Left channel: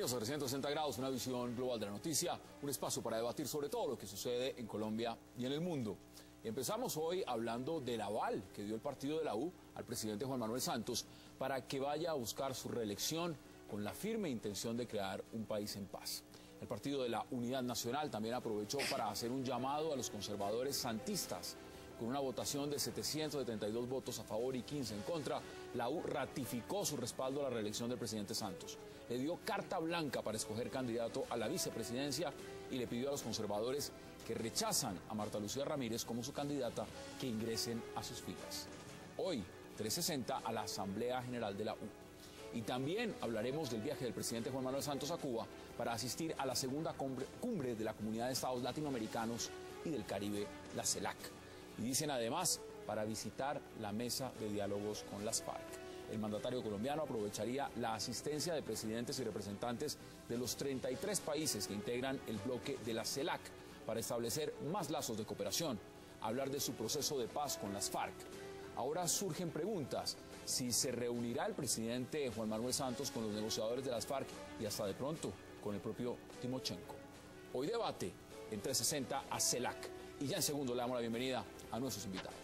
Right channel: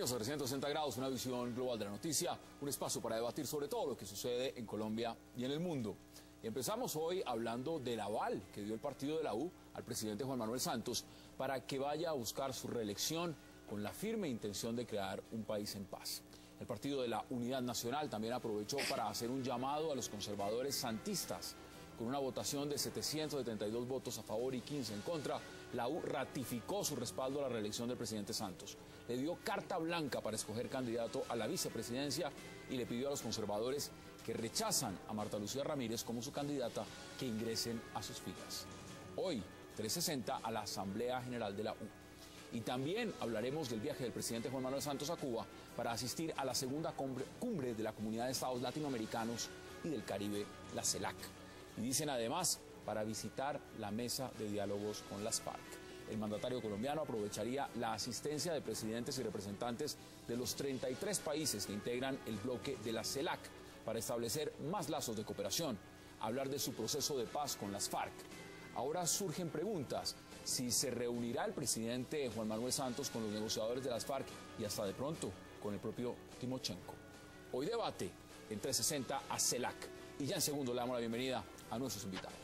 Bienvenidos a 360 grados, una visión global de la noticia, un espacio para debatir sobre todo lo que sucede en Colombia y en el mundo. Y empezamos hoy hablando del aval que dio el partido de la U al presidente Juan Manuel Santos para que vaya a buscar su reelección con la firme intención de crear un país en paz. El partido de la Unidad Nacional también aprovechó para hacer un llamado a los conservadores santistas. Con una votación de 772 votos a favor y 15 en contra, la U ratificó su respaldo a la reelección del presidente Santos. Le dio carta blanca para escoger candidato a la vicepresidencia y le pidió a los conservadores que rechazan a Marta Lucía Ramírez como su candidata que ingresen a sus filas. Hoy, 360 a la Asamblea General de la U. Y también hablaremos del viaje del presidente Juan Manuel Santos a Cuba para asistir a la segunda cumbre de la Comunidad de Estados Latinoamericanos y del Caribe, la CELAC. Y dicen además para visitar la mesa de diálogos con las FARC. El mandatario colombiano aprovecharía la asistencia de presidentes y representantes de los 33 países que integran el bloque de la CELAC para establecer más lazos de cooperación, hablar de su proceso de paz con las FARC. Ahora surgen preguntas: si se reunirá el presidente Juan Manuel Santos con los negociadores de las FARC y hasta de pronto con el propio Timochenko. Hoy debate en 360 a CELAC. Y ya en segundo le damos la bienvenida a nuestros invitados.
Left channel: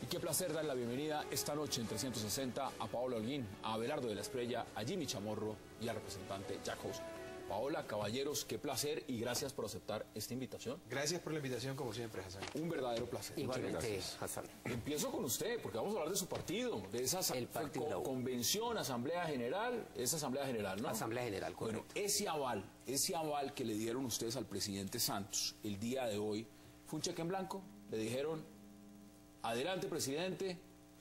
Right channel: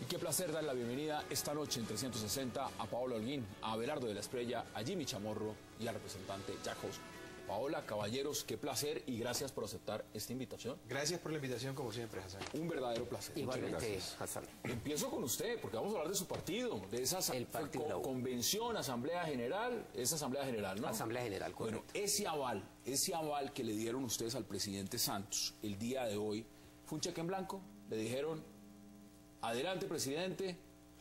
Y qué placer dar la bienvenida esta noche en 360 a Paola Holguín, a Abelardo de la Espriella, a Jimmy Chamorro y al representante Jack House. Paola, caballeros, qué placer y gracias por aceptar esta invitación. Gracias por la invitación, como siempre, Hassan. Un verdadero placer. Igualmente, Hassan. Empiezo con usted, porque vamos a hablar de su partido, de esa convención, asamblea general, esa asamblea general, ¿no? Asamblea general, bueno, ese aval que le dieron ustedes al presidente Santos el día de hoy, ¿fue un cheque en blanco? Le dijeron, adelante, presidente,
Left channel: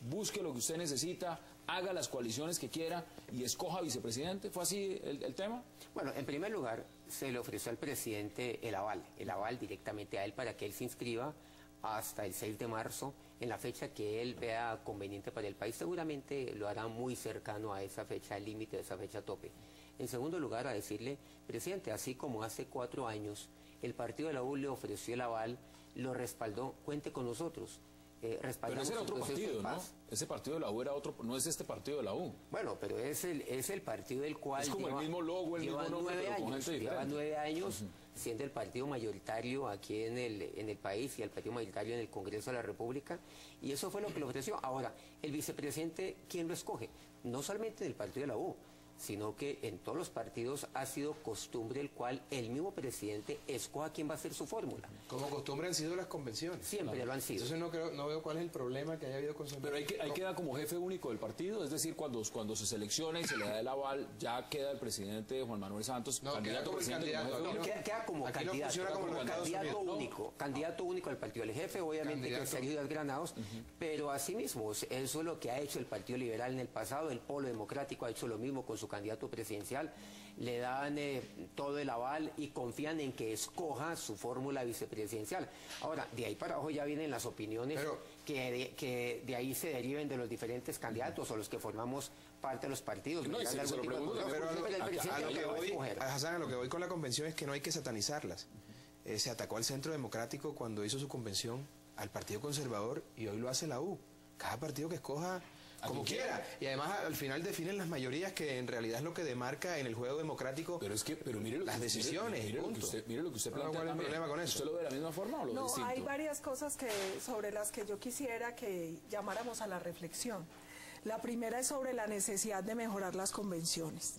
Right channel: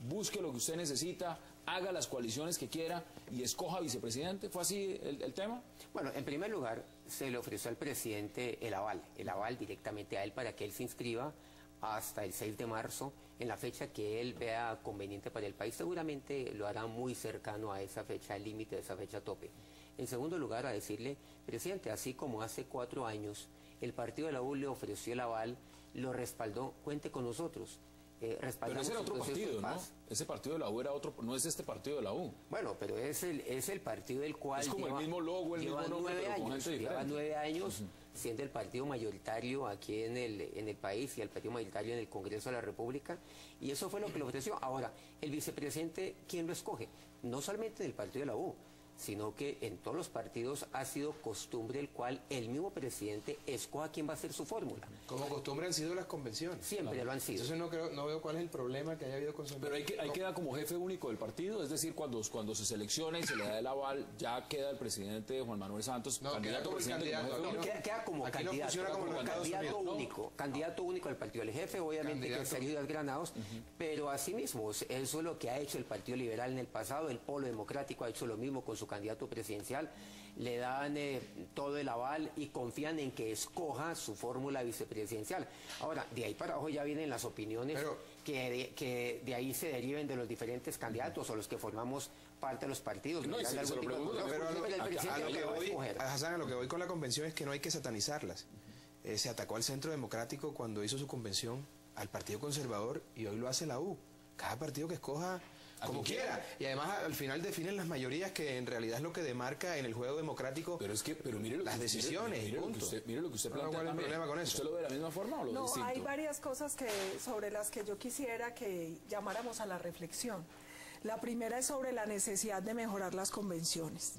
busque lo que usted necesita, haga las coaliciones que quiera y escoja vicepresidente. ¿Fue así el tema? Bueno, en primer lugar, se le ofreció al presidente el aval directamente a él para que él se inscriba hasta el 6 de marzo, en la fecha que él vea conveniente para el país. Seguramente lo hará muy cercano a esa fecha límite, a esa fecha tope. En segundo lugar, a decirle, presidente, así como hace 4 años el partido de la U le ofreció el aval, lo respaldó, cuente con nosotros. Pero ese era otro partido, ¿no? Ese partido de la U era otro, no es este partido de la U. Bueno, pero es el partido del cual es como el mismo logo, el mismo nombre, lleva 9 años siendo el partido mayoritario aquí en el país y el partido mayoritario en el Congreso de la República, y eso fue lo que le ofreció. Ahora, el vicepresidente, ¿quién lo escoge? No solamente del partido de la U, sino que en todos los partidos ha sido costumbre el cual el mismo presidente escoja quién va a ser su fórmula. Como costumbre han sido las convenciones. Siempre lo han sido. Entonces no veo cuál es el problema que haya habido con su... Pero hay que dar como jefe único del partido, es decir, cuando se selecciona y se le da el aval, ya queda el presidente Juan Manuel Santos, candidato presidente. Queda como candidato único al partido. El jefe, obviamente, que se ha ido a Granados, pero asimismo, eso es lo que ha hecho el Partido Liberal en el pasado. El Polo Democrático ha hecho lo mismo con su candidato presidencial, le dan todo el aval y confían en que escoja su fórmula vicepresidencial. Ahora, de ahí para abajo ya vienen las opiniones que de ahí se deriven de los diferentes candidatos o los que formamos parte de los partidos. No, a lo que voy con la convención es que no hay que satanizarlas. Se atacó al Centro Democrático cuando hizo su convención, al Partido Conservador, y hoy lo hace la U. Cada partido que escoja como quiera, y además al final definen las mayorías, que en realidad es lo que demarca en el juego democrático pero mire las decisiones. Mire lo que usted plantea. ¿Cuál es el problema con eso? ¿Usted lo ve de la misma forma o lo ve distinto? Hay varias cosas sobre las que yo quisiera que llamáramos a la reflexión. La primera es sobre la necesidad de mejorar las convenciones,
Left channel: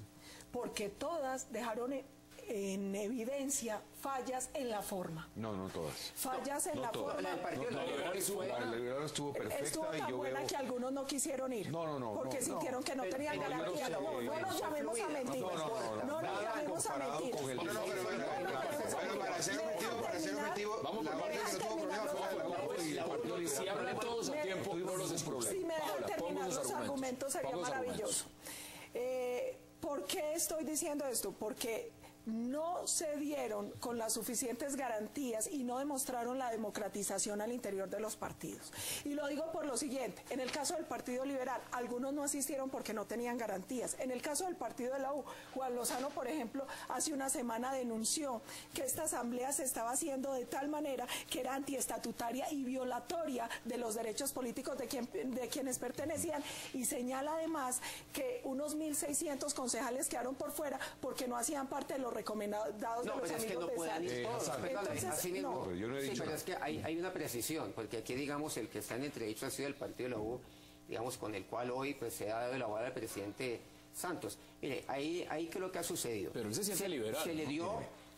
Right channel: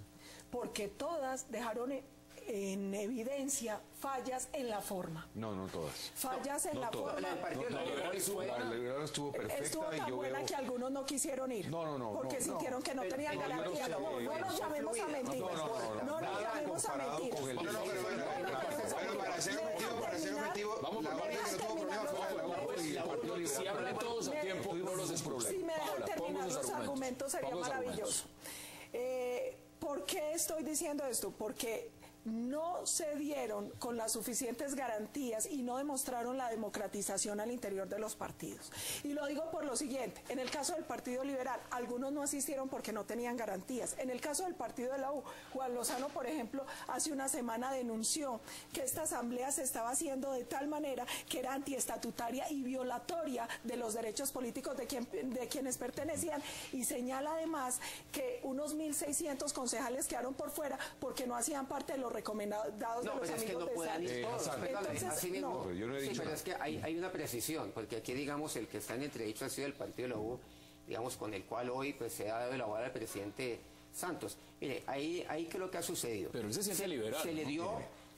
porque todas dejaron en evidencia fallas en la forma. No todas. Fallas en la forma. Estuvo perfecta. Estuvo tan buena que algunos no quisieron ir. Porque sintieron que no tenían garantía. No nos llamemos a mentiras. No nos llamemos a mentiras. Para ser objetivo, si hablan todos a tiempo, no los desproblemen. Si me dejan terminar los argumentos sería maravilloso. ¿Por qué estoy diciendo esto? Porque no se dieron con las suficientes garantías y no demostraron la democratización al interior de los partidos. Y lo digo por lo siguiente, en el caso del Partido Liberal, algunos no asistieron porque no tenían garantías. En el caso del Partido de la U, Juan Lozano, por ejemplo, hace una semana denunció que esta asamblea se estaba haciendo de tal manera que era antiestatutaria y violatoria de los derechos políticos de quienes pertenecían, y señala además que unos 1.600 concejales quedaron por fuera porque no hacían parte de los recomendados de los amigos de Santos. Pero es que hay una precisión, porque aquí, digamos, el que está en entredicho ha sido el Partido de la U, digamos, con el cual hoy pues se ha dado el aval al presidente Santos. Mire, ahí ¿qué es lo que ha sucedido? Pero ese sí es liberal,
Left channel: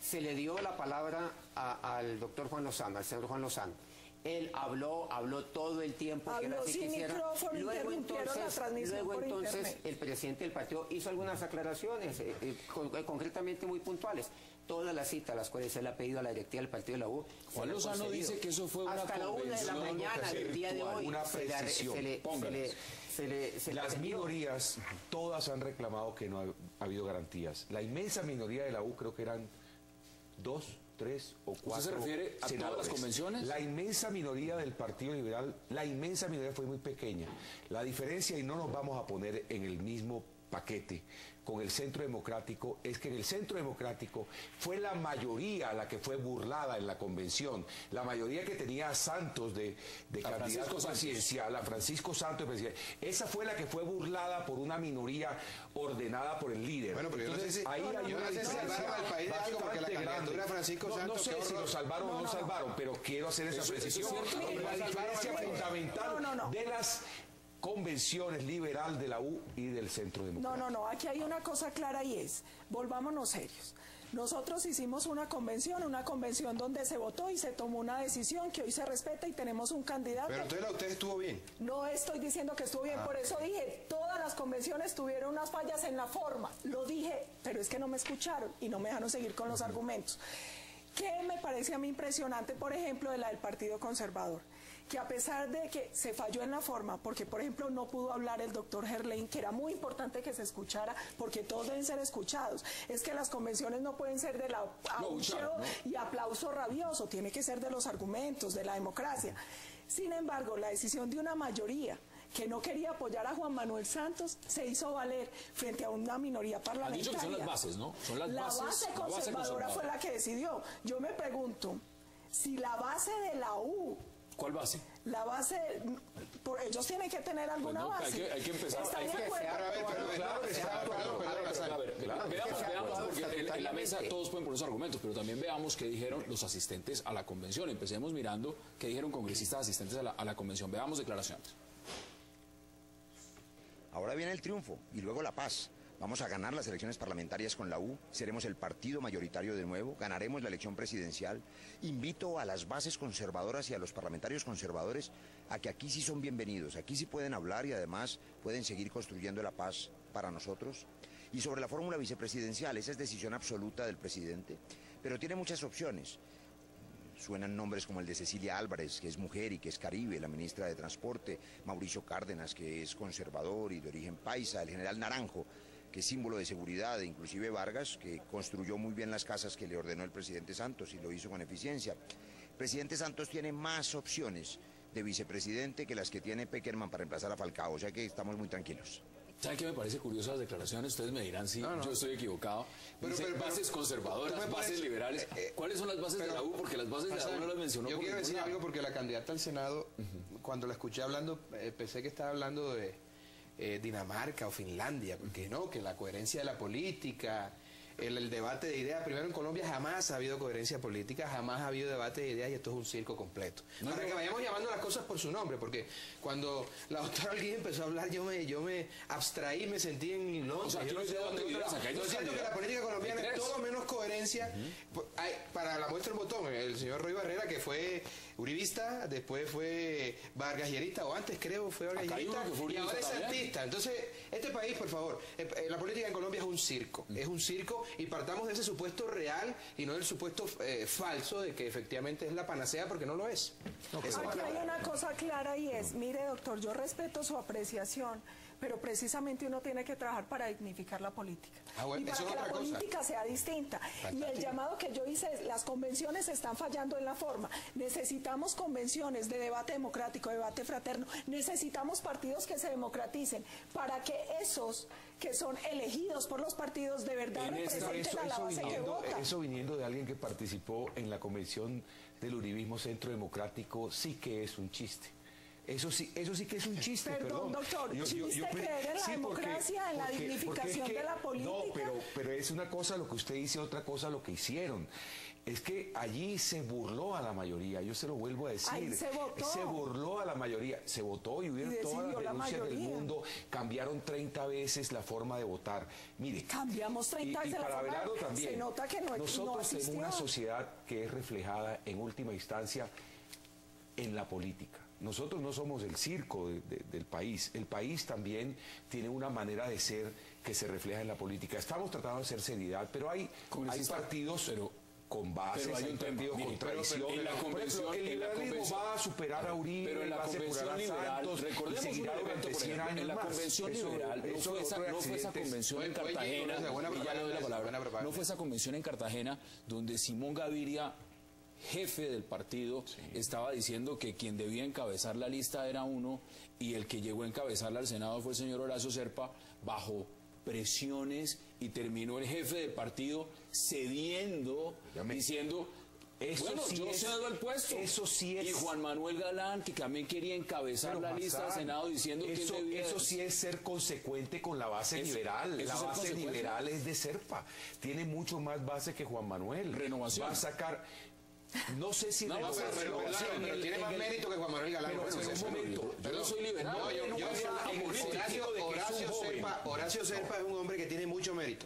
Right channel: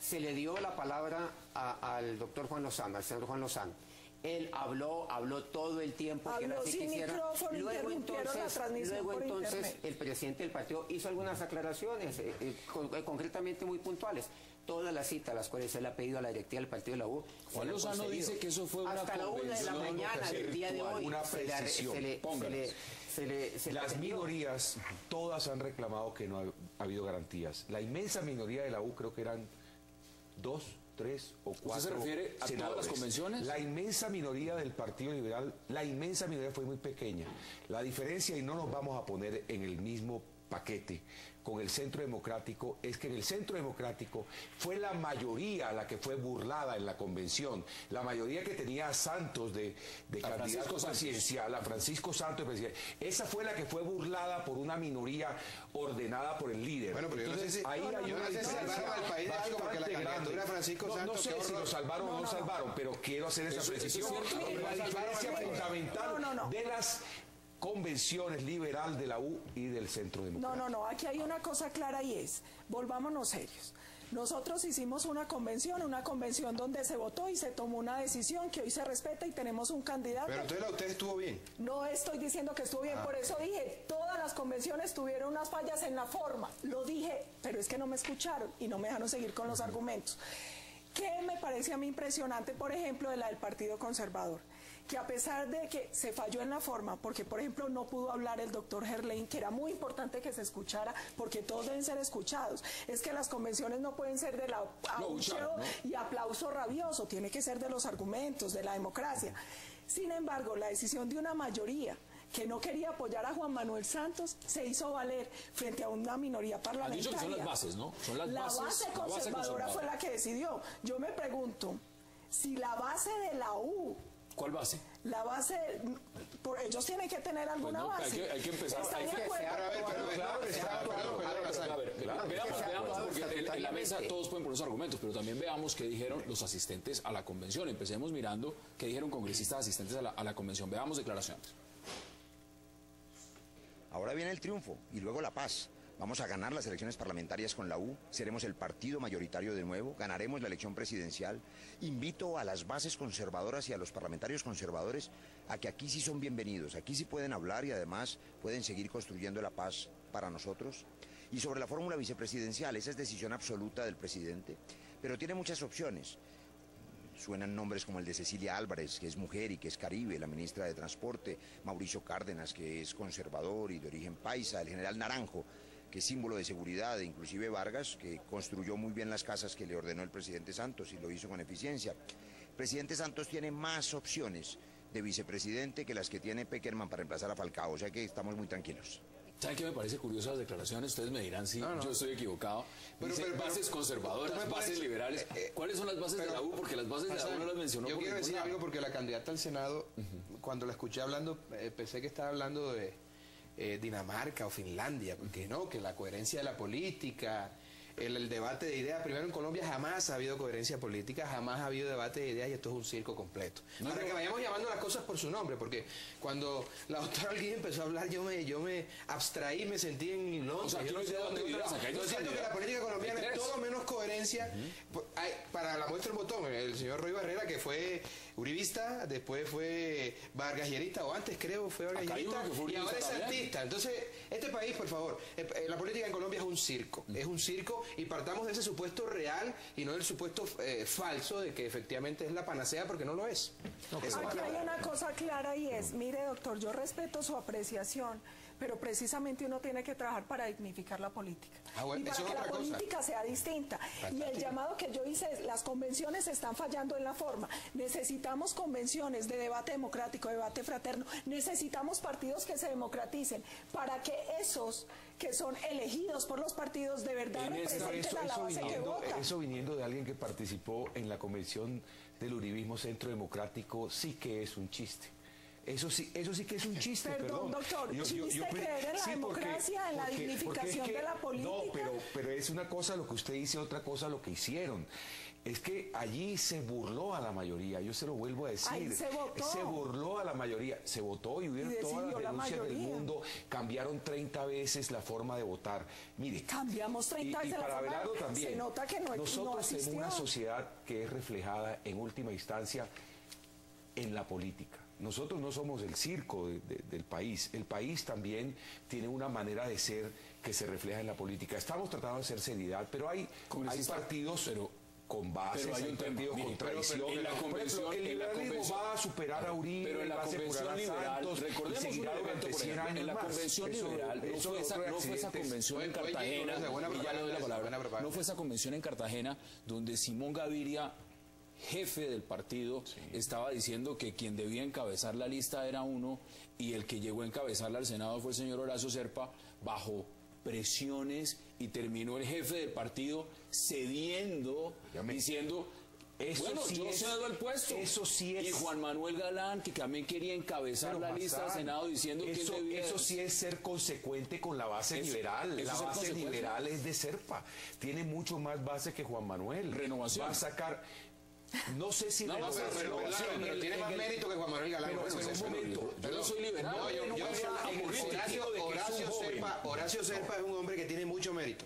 se le dio la palabra al doctor Juan Lozano, al señor Juan Lozano. Él habló todo el tiempo. Habló sin micrófono, luego entonces el presidente del partido hizo algunas aclaraciones, concretamente muy puntuales. Todas las citas, las cuales él ha pedido a la directiva del partido de la U. Juan Lozano dice que eso fue una hasta la 1 de la mañana del día de hoy. Las minorías todas han reclamado que no ha habido garantías. La inmensa minoría de la U, creo que eran 2, 3 o 4. ¿Usted se refiere a todas las convenciones? La inmensa minoría del Partido Liberal, la inmensa minoría fue muy pequeña. La diferencia, y no nos vamos a poner en el mismo paquete con el Centro Democrático, es que en el Centro Democrático fue la mayoría la que fue burlada en la convención. La mayoría que tenía a Santos de candidato presidencial, a Francisco Santos de presidente. Esa fue la que fue burlada por una minoría ordenada por el líder. Bueno, pero entonces ahí hay una diferencia bastante grande. No sé si lo salvaron o no lo salvaron, pero quiero hacer esa precisión. La diferencia fundamental de las convenciones liberal de la U y del Centro Democrático. No, aquí hay una cosa clara y es, volvámonos serios. Nosotros hicimos una convención donde se votó y se tomó una decisión que hoy se respeta y tenemos un candidato. Pero entonces usted estuvo bien. No estoy diciendo que estuvo bien, por eso dije, todas las convenciones tuvieron unas fallas en la forma. Lo dije, pero es que no me escucharon y no me dejaron seguir con los argumentos. ¿Qué me parece a mí impresionante, por ejemplo, de la del Partido Conservador? Que a pesar de que se falló en la forma, porque por ejemplo no pudo hablar el doctor Gerlain, que era muy importante que se escuchara, porque todos deben ser escuchados, es que las convenciones no pueden ser del abucheo y aplauso rabioso, tiene que ser de los argumentos, de la democracia. Sin embargo, la decisión de una mayoría que no quería apoyar a Juan Manuel Santos se hizo valer frente a una minoría parlamentaria. Son las bases, ¿no? Son las base conservadora fue la que decidió. Yo me pregunto, si la base de la U... ¿Cuál base? La base, ellos tienen que tener alguna base. Hay que empezar. ¿Están de acuerdo? Veamos, porque en la mesa todos pueden poner sus argumentos, pero también veamos qué dijeron los asistentes a la convención. Empecemos mirando qué dijeron congresistas asistentes a la convención. Veamos declaraciones. Ahora viene el triunfo y luego la paz. Vamos a ganar las elecciones parlamentarias con la U, seremos el partido mayoritario de nuevo, ganaremos la elección presidencial. Invito a las bases conservadoras y a los parlamentarios conservadores a que aquí sí son bienvenidos, aquí sí pueden hablar y además pueden seguir construyendo la paz para nosotros. Y sobre la fórmula vicepresidencial, esa es decisión absoluta del presidente, pero tiene muchas opciones. Suenan nombres como el de Cecilia Álvarez, que es mujer y que es caribe, la ministra de Transporte, Mauricio Cárdenas, que es conservador y de origen paisa, el general Naranjo, que es símbolo de seguridad, e inclusive Vargas, que construyó muy bien las casas que le ordenó el presidente Santos y lo hizo con eficiencia. El presidente Santos tiene más opciones de vicepresidente que las que tiene Pekerman para reemplazar a Falcao, o sea que estamos muy tranquilos. ¿Sabe qué me parece curioso las declaraciones? Ustedes me dirán si yo estoy equivocado. Pero bases conservadoras, bases liberales. ¿Cuáles son las bases de la U? Porque las bases de la U no las mencionó. Yo quiero decir algo porque la candidata al Senado, cuando la escuché hablando, pensé que estaba hablando de Dinamarca o Finlandia, porque no, que la coherencia de la política, el debate de ideas. Primero, en Colombia jamás ha habido coherencia política, jamás ha habido debate de ideas y esto es un circo completo. No, que vayamos llamando las cosas por su nombre, porque cuando la doctora Alguien empezó a hablar, yo me abstraí, me sentí en mi nombre. O sea, yo no sé dónde vivías acá. Yo siento que la política colombiana es todo menos coherencia. Para la muestra del botón, el señor Roy Barrera, que fue uribista, después fue vargallerista, o antes creo fue vargallerista, y ahora es artista. Entonces, este país, por favor, la política en Colombia es un circo, y partamos de ese supuesto real y no del supuesto falso de que efectivamente es la panacea, porque no lo es. Aquí hay una cosa clara y es, mire doctor, yo respeto su apreciación, pero precisamente uno tiene que trabajar para dignificar la política. Bueno, y para que la política sea distinta. Y el llamado que yo hice es, las convenciones están fallando en la forma. Necesitamos convenciones de debate democrático, debate fraterno. Necesitamos partidos que se democraticen para que esos que son elegidos por los partidos de verdad representen a la base que vota. Eso viniendo de alguien que participó en la convención del Uribismo Centro Democrático, sí que es un chiste. Eso sí que es un chiste, perdón. Doctor, ¿chiste creer en la democracia, en la dignificación de la política? No, pero es una cosa lo que usted dice, otra cosa lo que hicieron. Es que allí se burló a la mayoría, yo se lo vuelvo a decir. Ay, se votó. Se burló a la mayoría, se votó y hubieron todas las denuncias del mundo, cambiaron 30 veces la forma de votar. Mire, cambiamos 30 veces la forma, también, se nota que nosotros tenemos una sociedad que es reflejada en última instancia en la política. Nosotros no somos el circo del país. El país también tiene una manera de ser que se refleja en la política. Estamos tratando de hacer seriedad, pero hay partidos con bases, hay partidos con tradición. En la convención, el liberalismo va a superar a Uribe, pero en la convención liberal, en la convención liberal, no fue esa convención en Cartagena, no fue esa convención en Cartagena donde Simón Gaviria, jefe del partido, estaba diciendo que quien debía encabezar la lista era uno y el que llegó a encabezarla al Senado fue el señor Horacio Serpa bajo presiones, y terminó el jefe del partido cediendo, diciendo, bueno, yo cedo el puesto. Eso sí es. Y Juan Manuel Galán, que también quería encabezar la lista del Senado, diciendo que eso sí es ser consecuente con la base liberal. La base liberal es de Serpa. Tiene mucho más base que Juan Manuel. Renovación. Va a sacar... No sé si... pero tiene más mérito que Juan Manuel Galán. Yo no soy liberal. Horacio Serpa es un hombre que tiene mucho mérito.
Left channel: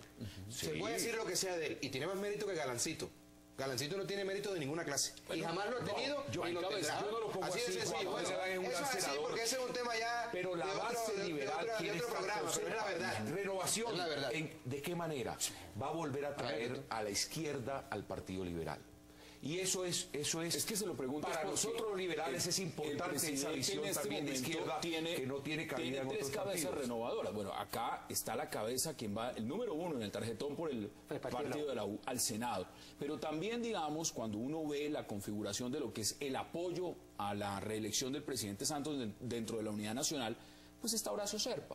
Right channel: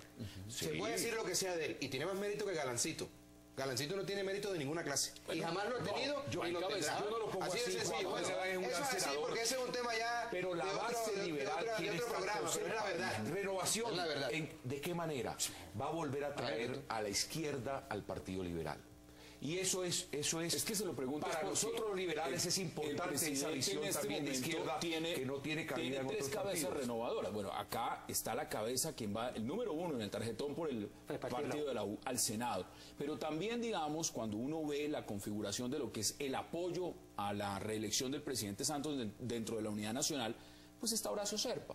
Se puede decir lo que sea de él, y tiene más mérito que Galancito. Galancito no tiene mérito de ninguna clase. Y jamás lo ha tenido, ni lo tendrá. Así de sencillo. Eso es así, porque ese es un tema ya pero la base liberal de otro programa. Es la verdad. Renovación. La verdad. ¿De qué manera? Va a volver a traer a la izquierda al Partido Liberal. Y eso es que se lo pregunto, para nosotros los liberales es importante esa visión también de izquierda que no tiene cabida en otros cabezas renovadoras. Bueno, acá está la cabeza quien va, el número 1 en el tarjetón por el partido de la U al Senado. Pero también, digamos, cuando uno ve la configuración de lo que es el apoyo a la reelección del presidente Santos dentro de la Unidad Nacional, pues está Horacio Serpa.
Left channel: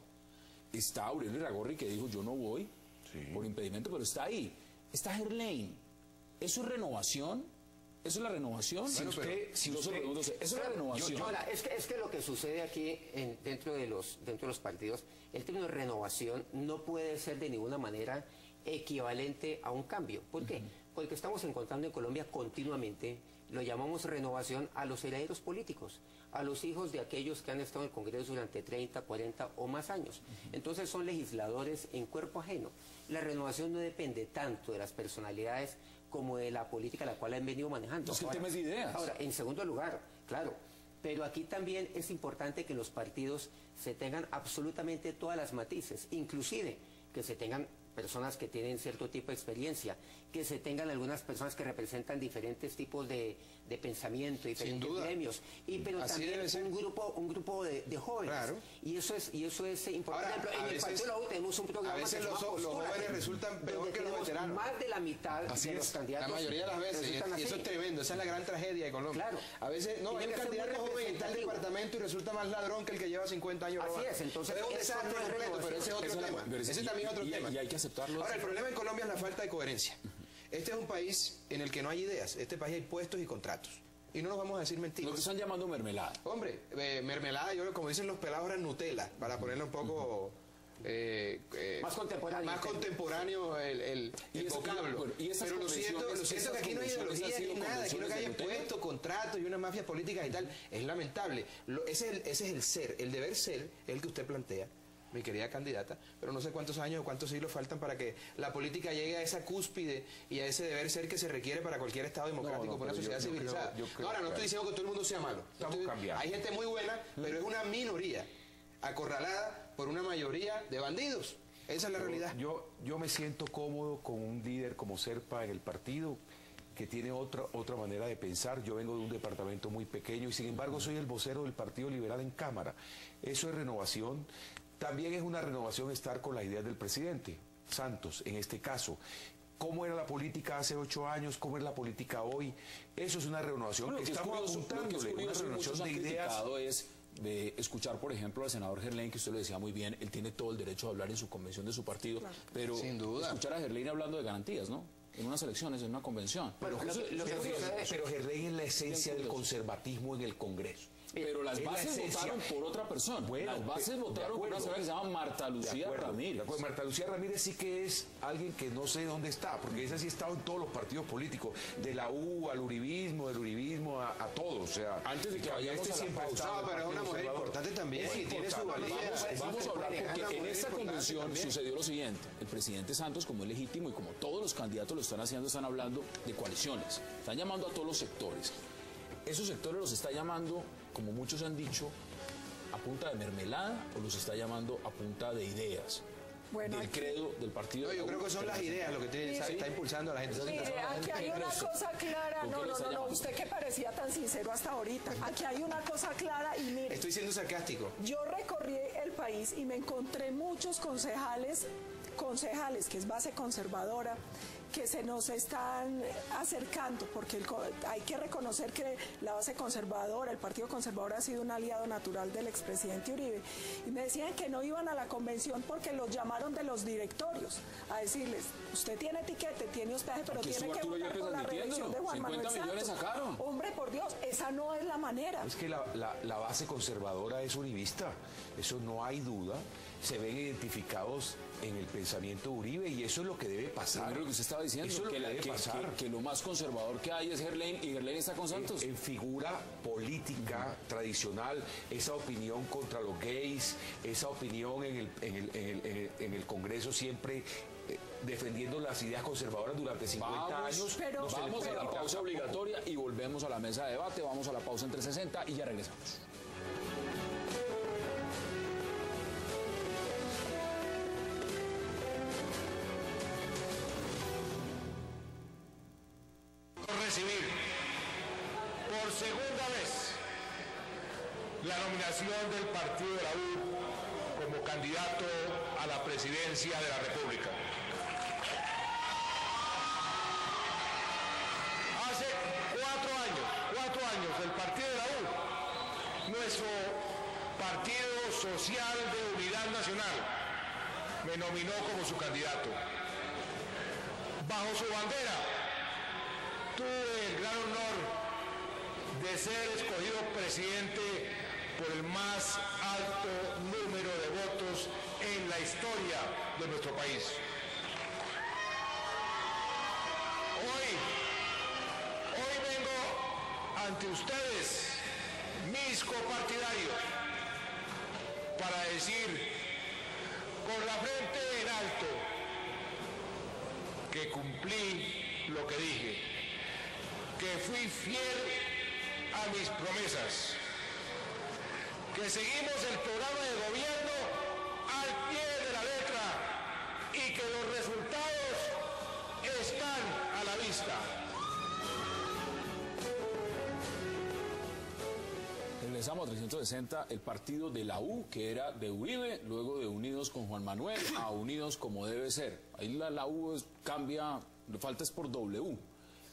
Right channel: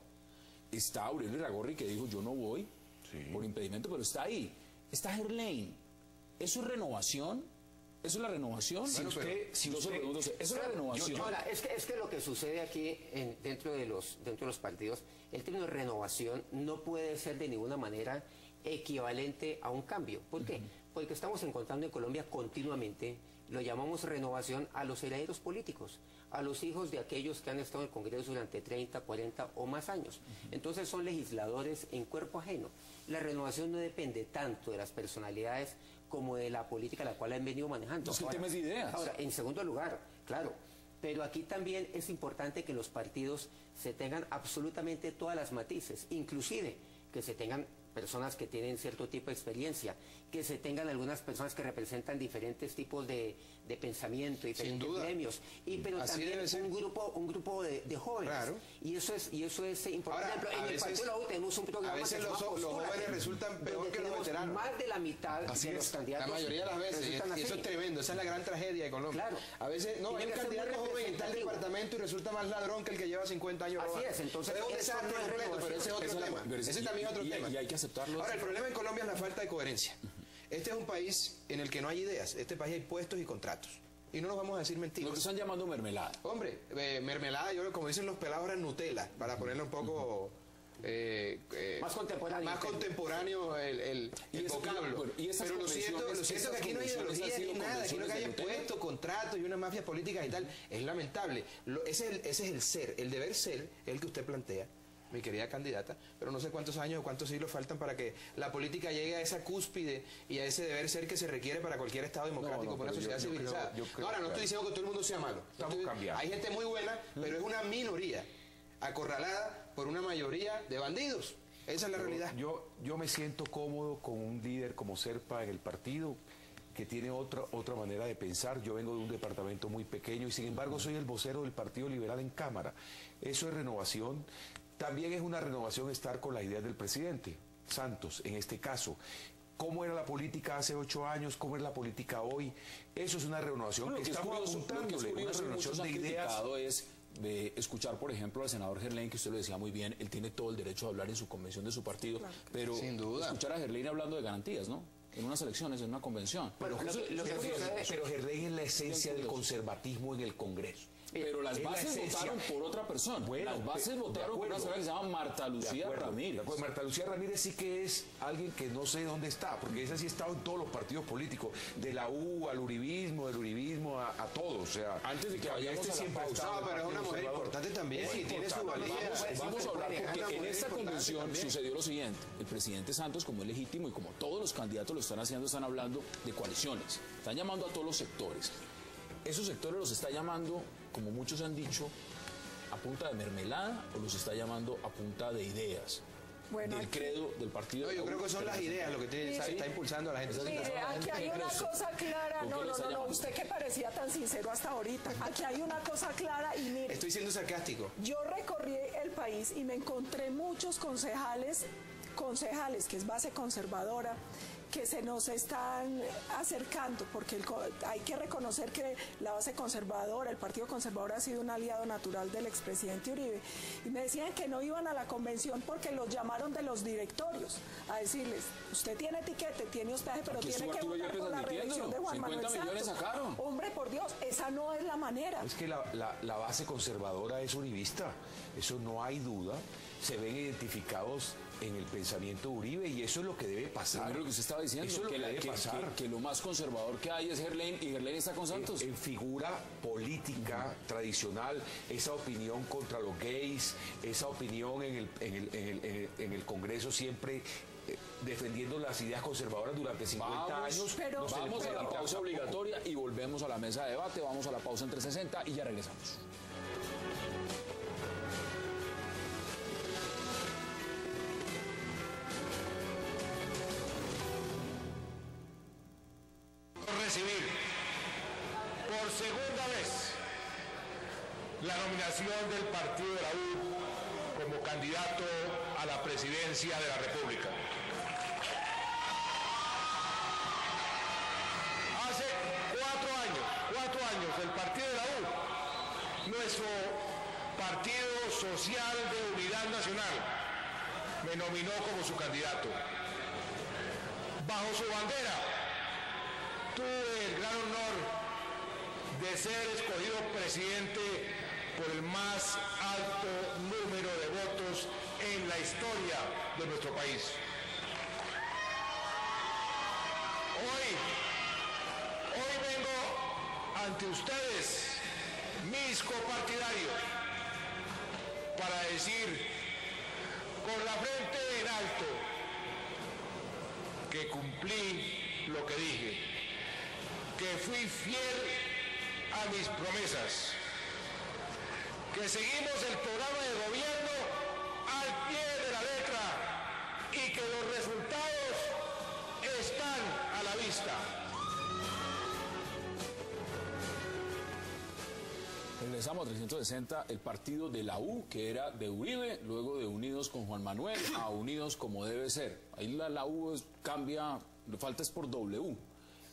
Está Aurelio Iragorri, que dijo yo no voy por impedimento, pero está ahí. Está Gerlain. ¿Eso es renovación? ¿Eso es la renovación? ¿Eso es la renovación? Es que lo que sucede aquí dentro de los partidos, el término de renovación no puede ser de ninguna manera equivalente a un cambio. ¿Por qué? Porque estamos encontrando en Colombia continuamente, lo llamamos renovación a los herederos políticos, a los hijos de aquellos que han estado en el Congreso durante 30, 40 o más años. Entonces son legisladores en cuerpo ajeno. La renovación no depende tanto de las personalidades como de la política a la cual han venido manejando. Son temas de ideas. Ahora, en segundo lugar, claro, pero aquí también es importante que los partidos se tengan absolutamente todas las matices, inclusive que se tengan personas que tienen cierto tipo de experiencia, que se tengan algunas personas que representan diferentes tipos de pensamiento, diferentes gremios, pero así también un grupo de jóvenes. Claro. Y eso es importante. Ahora, en el Partido de la U tenemos un programa. A veces los jóvenes resultan peor que los veteranos. Más de la mitad de los candidatos. La mayoría de las veces, y eso es tremendo, esa es la gran tragedia de Colombia. Claro. A veces, no, hay un candidato joven en tal departamento y resulta más ladrón que el que lleva 50 años. Así es, entonces pero es un desastre completo, pero ese es otro tema. Ese también es otro tema. Y hay que aceptarlo. Ahora, el problema en Colombia es la falta de coherencia. Este es un país en el que no hay ideas. Este país hay puestos y contratos. Y no nos vamos a decir mentiras. Nos están llamando mermelada. Hombre, mermelada, yo como dicen los pelados, era Nutella, para ponerlo un poco... más contemporáneo el vocablo. Pero lo cierto es que aquí no hay ideología ni nada, aquí lo que hay es puestos, contratos y una mafia política y tal. Es lamentable. Ese es el ser, el deber ser, el que usted plantea, mi querida candidata, pero no sé cuántos años o cuántos siglos faltan para que la política llegue a esa cúspide y a ese deber ser que se requiere para cualquier Estado democrático, por una sociedad civilizada. Ahora, no estoy diciendo que todo el mundo sea malo. Hay gente muy buena, pero es una minoría acorralada por una mayoría de bandidos. Esa es la realidad. Yo me siento cómodo con un líder como Serpa en el partido, que tiene otra manera de pensar. Yo vengo de un departamento muy pequeño y sin embargo soy el vocero del Partido Liberal en Cámara. Eso es renovación. también es una renovación estar con la idea del presidente Santos, en este caso. ¿Cómo era la política hace 8 años? ¿Cómo es la política hoy? Eso es una renovación que estamos apuntando, una renovación de ideas. Es de escuchar, por ejemplo, al senador Gerlain, que usted lo decía muy bien, él tiene todo el derecho a hablar en su convención de su partido, pero sin duda, escuchar a Gerlain hablando de garantías, ¿no? En unas elecciones, en una convención. Pero Gerlain es la esencia del conservatismo en el Congreso. Pero las bases votaron por otra persona. Bueno, las bases votaron por una señora que se llama Marta Lucía Ramírez. Pues Marta Lucía Ramírez sí que es alguien que no sé dónde está, porque esa sí ha estado en todos los partidos políticos, de la U al uribismo, del uribismo a todos. O sea, antes de que vayamos siempre ha No, estado. pero es una mujer importante también, y tiene su valía. Vamos a hablar porque en esta convención sucedió lo siguiente. El presidente Santos, como es legítimo y como todos los candidatos lo están haciendo, están hablando de coaliciones. Están llamando a todos los sectores. Esos sectores los está llamando, como muchos han dicho, a punta de mermelada, o los está llamando a punta de ideas. Bueno, del credo del partido. No, yo creo que son las ideas lo que está impulsando a la gente. Mire, aquí hay una cosa clara, no, usted que parecía tan sincero hasta ahorita, aquí hay una cosa clara y mire, Estoy siendo sarcástico. yo recorrí el país y me encontré muchos concejales, que es base conservadora, que se nos están acercando, porque hay que reconocer que la base conservadora, el Partido Conservador ha sido un aliado natural del expresidente Uribe, y me decían que no iban a la convención porque los llamaron de los directorios a decirles, usted tiene etiquete, tiene hospedaje, pero Aquí tiene que estuvo votar Arturo con la López reelección de Juan 50 Manuel millones Santos. sacaron. Hombre, por Dios, esa no es la manera. Es que la base conservadora es uribista, eso no hay duda. Se ven identificados en el pensamiento de Uribe y eso es lo que debe pasar. Pero lo que usted estaba diciendo, eso es lo que debe pasar. Que lo más conservador que hay es Gerlain, y Gerlain está con Santos. En figura política tradicional, esa opinión contra los gays, esa opinión en el Congreso siempre defendiendo las ideas conservadoras durante 50 años. Vamos a la pausa obligatoria y volvemos a la mesa de debate. Vamos a la pausa en 360 y ya regresamos. Recibir por segunda vez la nominación del partido de la U como candidato a la presidencia de la República. Hace 4 años, el partido de la U, nuestro Partido Social de Unidad Nacional, me nominó como su candidato. Bajo su bandera, tuve el gran honor de ser escogido presidente por el más alto número de votos en la historia de nuestro país. Hoy vengo ante ustedes, mis copartidarios, para decir con la frente en alto que cumplí lo que dije, que fui fiel a mis promesas, que seguimos el programa de gobierno al pie de la letra y que los resultados están a la vista. Regresamos a 360, el partido de la U, que era de Uribe, luego de Unidos con Juan Manuel, a Unidos como debe ser. Ahí la U cambia, lo falta es por W.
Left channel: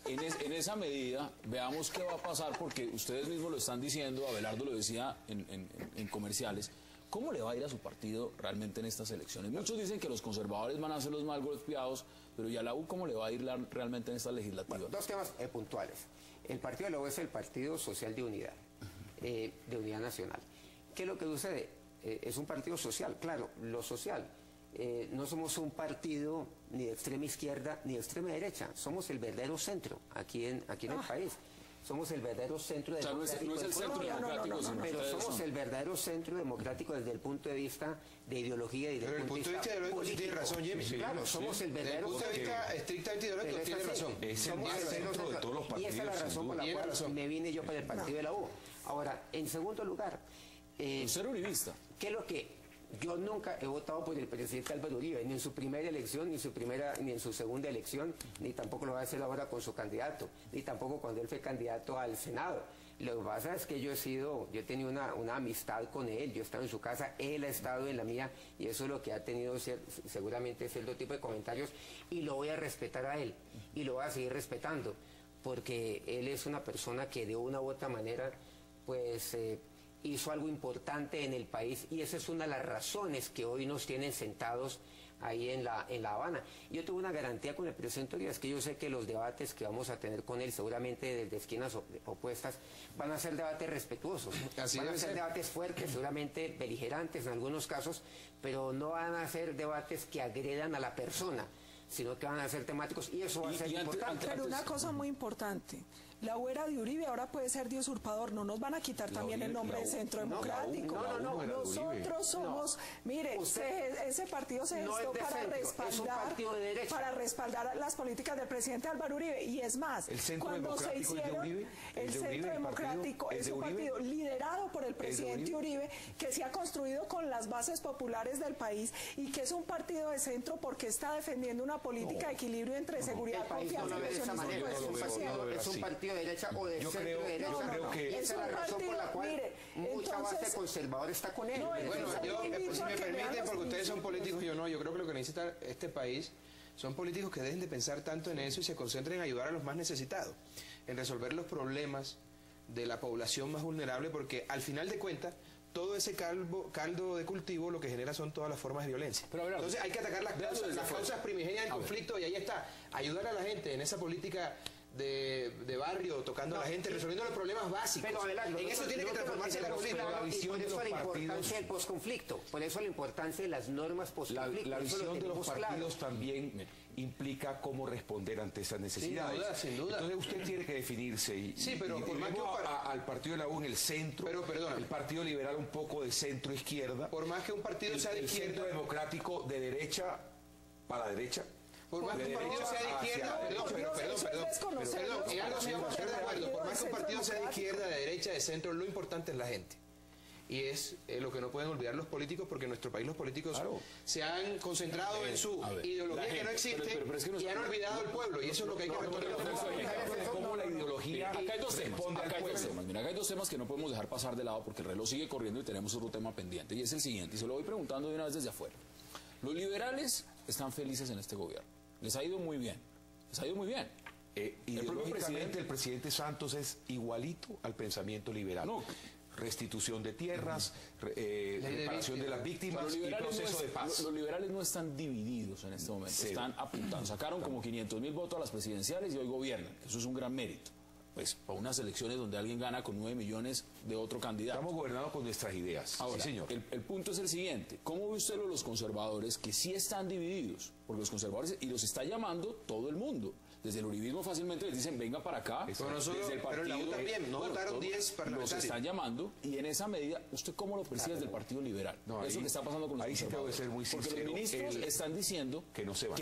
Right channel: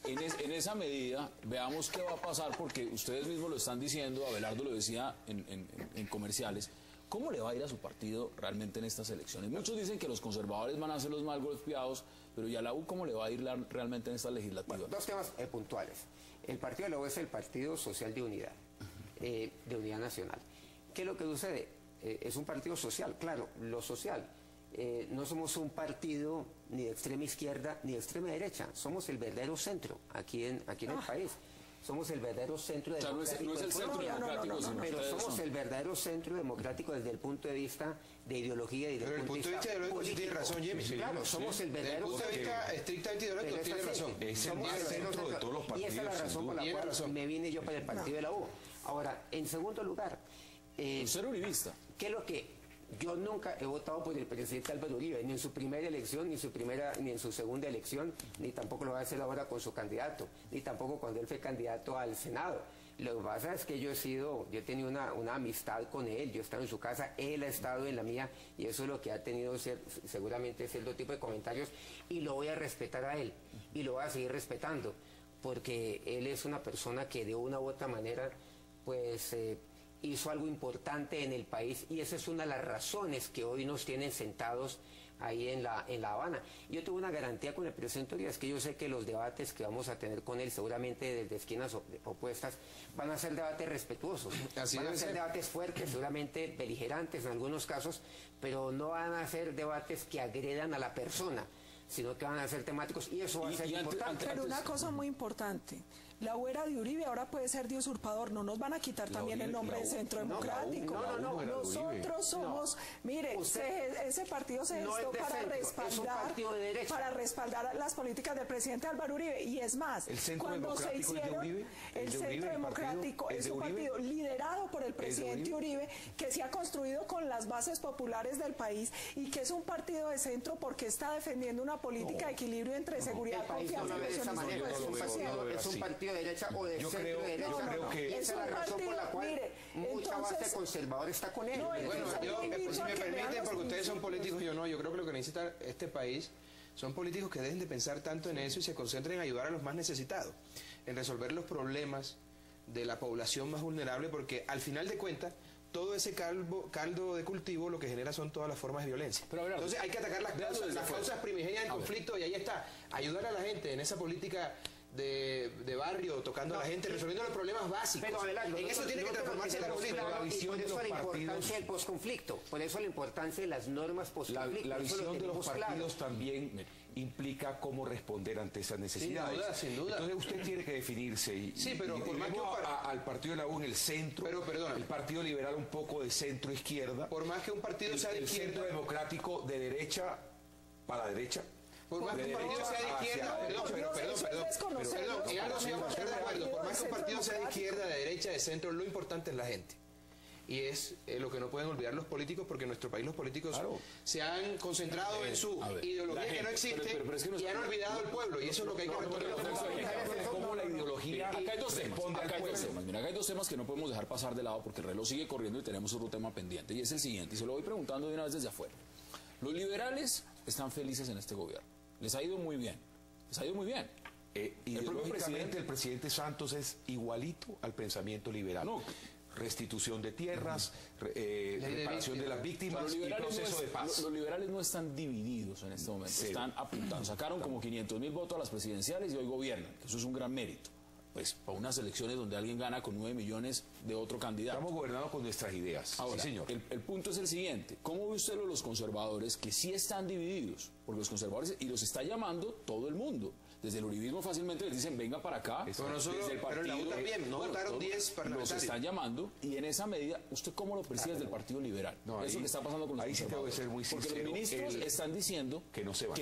En esa medida, veamos qué va a pasar, porque ustedes mismos lo están diciendo, Abelardo lo decía en comerciales, ¿cómo le va a ir a su partido realmente en estas elecciones? Muchos dicen que los conservadores van a ser los más golpeados, pero ¿y a la U cómo le va a ir realmente en esta legislativa? Bueno, dos temas puntuales. El partido de la U es el Partido Social de Unidad, de Unidad Nacional. ¿Qué es lo que sucede? Es un partido social, claro, lo social. No somos un partido ni de extrema izquierda ni de extrema derecha, somos el verdadero centro aquí en el país. Somos el verdadero centro democrático. O sea, no es el centro democrático, sino pero ustedes somos el verdadero centro democrático desde el punto de vista de ideología y desde Pero el punto de vista ideológico sí tiene razón, Jimmy. Claro, somos el verdadero Desde el punto de vista estrictamente ideológico tiene razón. Es el más centro de todos los y esa es la partidos, razón por la Tiene cual razón. me vine yo para el partido de la U. Ahora, en segundo lugar, Ser uribista. ¿qué es lo que Yo nunca he votado por el presidente Álvaro Uribe, ni en su primera elección, ni en su segunda elección, ni tampoco lo va a hacer ahora con su candidato, ni tampoco cuando él fue candidato al Senado. Lo que pasa es que yo he tenido una amistad con él, yo he estado en su casa, él ha estado en la mía, y eso es lo que ha tenido seguramente cierto tipo de comentarios, y lo voy a respetar a él, y lo voy a seguir respetando, porque él es una persona que de una u otra manera, pues, hizo algo importante en el país, y esa es una de las razones que hoy nos tienen sentados ahí en La Habana. Yo tuve una garantía con el presidente Uribe, es que yo sé que los debates que vamos a tener con él, seguramente desde esquinas opuestas, van a ser debates respetuosos, van a ser debates fuertes, seguramente beligerantes en algunos casos, pero no van a ser debates que agredan a la persona, sino que van a ser temáticos, y eso va a ser importante. Pero una cosa muy importante, la U era de Uribe, ahora puede ser de usurpador, no nos van a quitar también el nombre de Centro Democrático. Nosotros somos, mire, ese partido se gestó para respaldar las políticas del presidente Álvaro Uribe, y es más, cuando se hicieron, el Centro Democrático es un partido liderado por el presidente Uribe, que se ha construido con las bases populares del país, y que es un partido de centro porque está defendiendo una política de equilibrio entre seguridad, confianza y es un partido de derecha o de centro derecha, y esa es la razón por la cual mucha base conservadora está con él. Bueno, si me permiten, porque ustedes son políticos, yo no, yo creo que lo que necesita este país son políticos que dejen de pensar tanto en eso y se concentren en ayudar a los más necesitados, en resolver los problemas de la población más vulnerable, porque al final de cuentas todo ese caldo de cultivo lo que genera son todas las formas de violencia. Entonces hay que atacar las causas primigenias del conflicto, y ahí está, ayudar a la gente en esa política de barrio, tocando a la gente, resolviendo los problemas básicos. Pero, Abelardo, en eso tiene que transformarse el conflicto. Y por eso la importancia del posconflicto, por eso la importancia de las normas posconflicto. La visión de los partidos también implica cómo responder ante esas necesidades. Sin duda. Entonces usted tiene que definirse y por más que al partido de la U en el centro, el Partido Liberal un poco de centro-izquierda, por más que un partido sea de izquierda, el Centro Democrático de derecha para la derecha. Por más que un partido sea de izquierda, por más que un partido sea de izquierda, de derecha, de centro, lo importante es la gente. Y es lo que no pueden olvidar los políticos, porque en nuestro país los políticos se han concentrado en su ideología que no existe, y han olvidado el pueblo, y eso es lo que hay que recordar. Acá hay dos temas que no podemos dejar pasar de lado, porque el reloj sigue corriendo y tenemos otro tema pendiente, y es el siguiente, y se lo voy preguntando de una vez desde afuera. Los liberales están felices en este gobierno, les ha ido muy bien, El presidente Santos es igualito al pensamiento liberal. Restitución de tierras, reparación de las víctimas y proceso de paz. Los liberales no están divididos en este momento, están apuntados. Sacaron como 500.000 votos a las presidenciales y hoy gobiernan. Eso es un gran mérito. Pues para unas elecciones donde alguien gana con 9 millones de otro candidato. Estamos gobernados con nuestras ideas. Ahora, señor. El punto es el siguiente. ¿Cómo ve usted los conservadores que sí están divididos? Porque los conservadores, y los está llamando todo el mundo. Desde el uribismo fácilmente les dicen, venga para acá. Desde el partido, también, no votaron 10 parlamentarios. Los están llamando, y en esa medida, ¿usted cómo lo percibe desde el Partido Liberal? Eso que está pasando con los conservadores. Ser muy sincero. Porque los ministros están diciendo que no se van.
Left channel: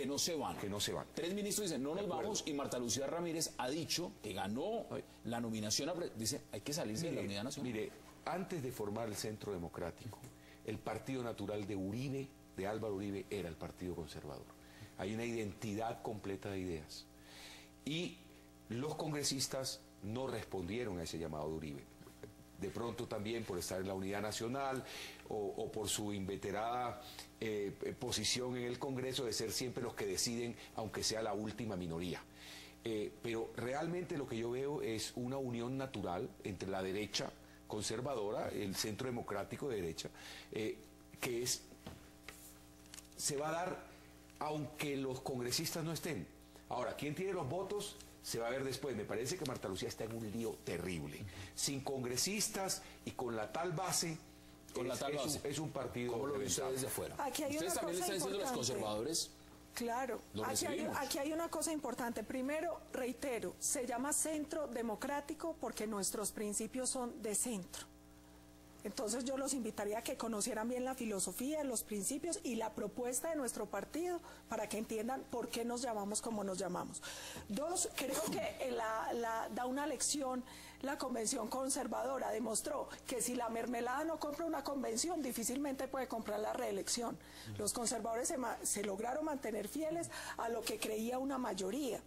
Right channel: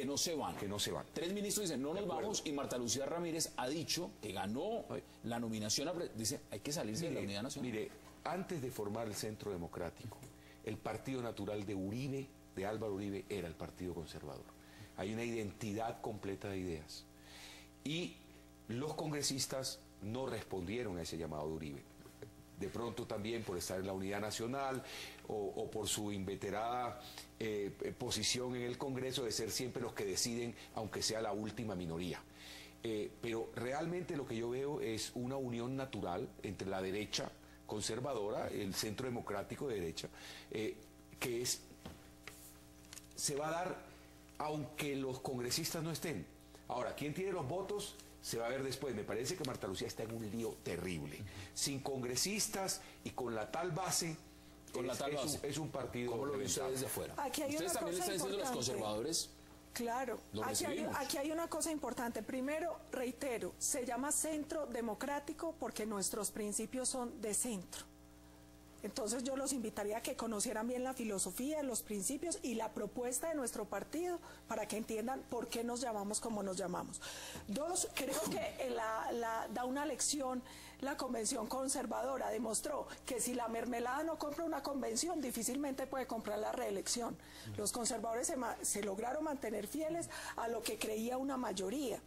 Que no se van. 3 ministros dicen, no nos vamos, y Marta Lucía Ramírez ha dicho que ganó la nominación, dice, hay que salirse de la unidad nacional. Mire, antes de formar el Centro Democrático, el partido natural de Uribe, de Álvaro Uribe, era el Partido Conservador. Hay una identidad completa de ideas. Y los congresistas no respondieron a ese llamado de Uribe. De pronto también por estar en la unidad nacional o por su inveterada posición en el Congreso de ser siempre los que deciden, aunque sea la última minoría. Pero realmente lo que yo veo es una unión natural entre la derecha conservadora, el Centro Democrático de derecha, que se va a dar aunque los congresistas no estén. Ahora, ¿quién tiene los votos? Se va a ver después. Me parece que Marta Lucía está en un lío terrible. Sin congresistas y con la tal base, es un partido como lo ven ustedes de fuera. Ustedes también están diciendo los conservadores. Claro, aquí hay una cosa importante. Primero, reitero, se llama Centro Democrático porque nuestros principios son de centro. Entonces yo los invitaría a que conocieran bien la filosofía, los principios y la propuesta de nuestro partido para que entiendan por qué nos llamamos como nos llamamos. Dos, creo que da una lección la convención conservadora demostró que si la mermelada no compra una convención, difícilmente puede comprar la reelección. Los conservadores se lograron mantener fieles a lo que creía una mayoría.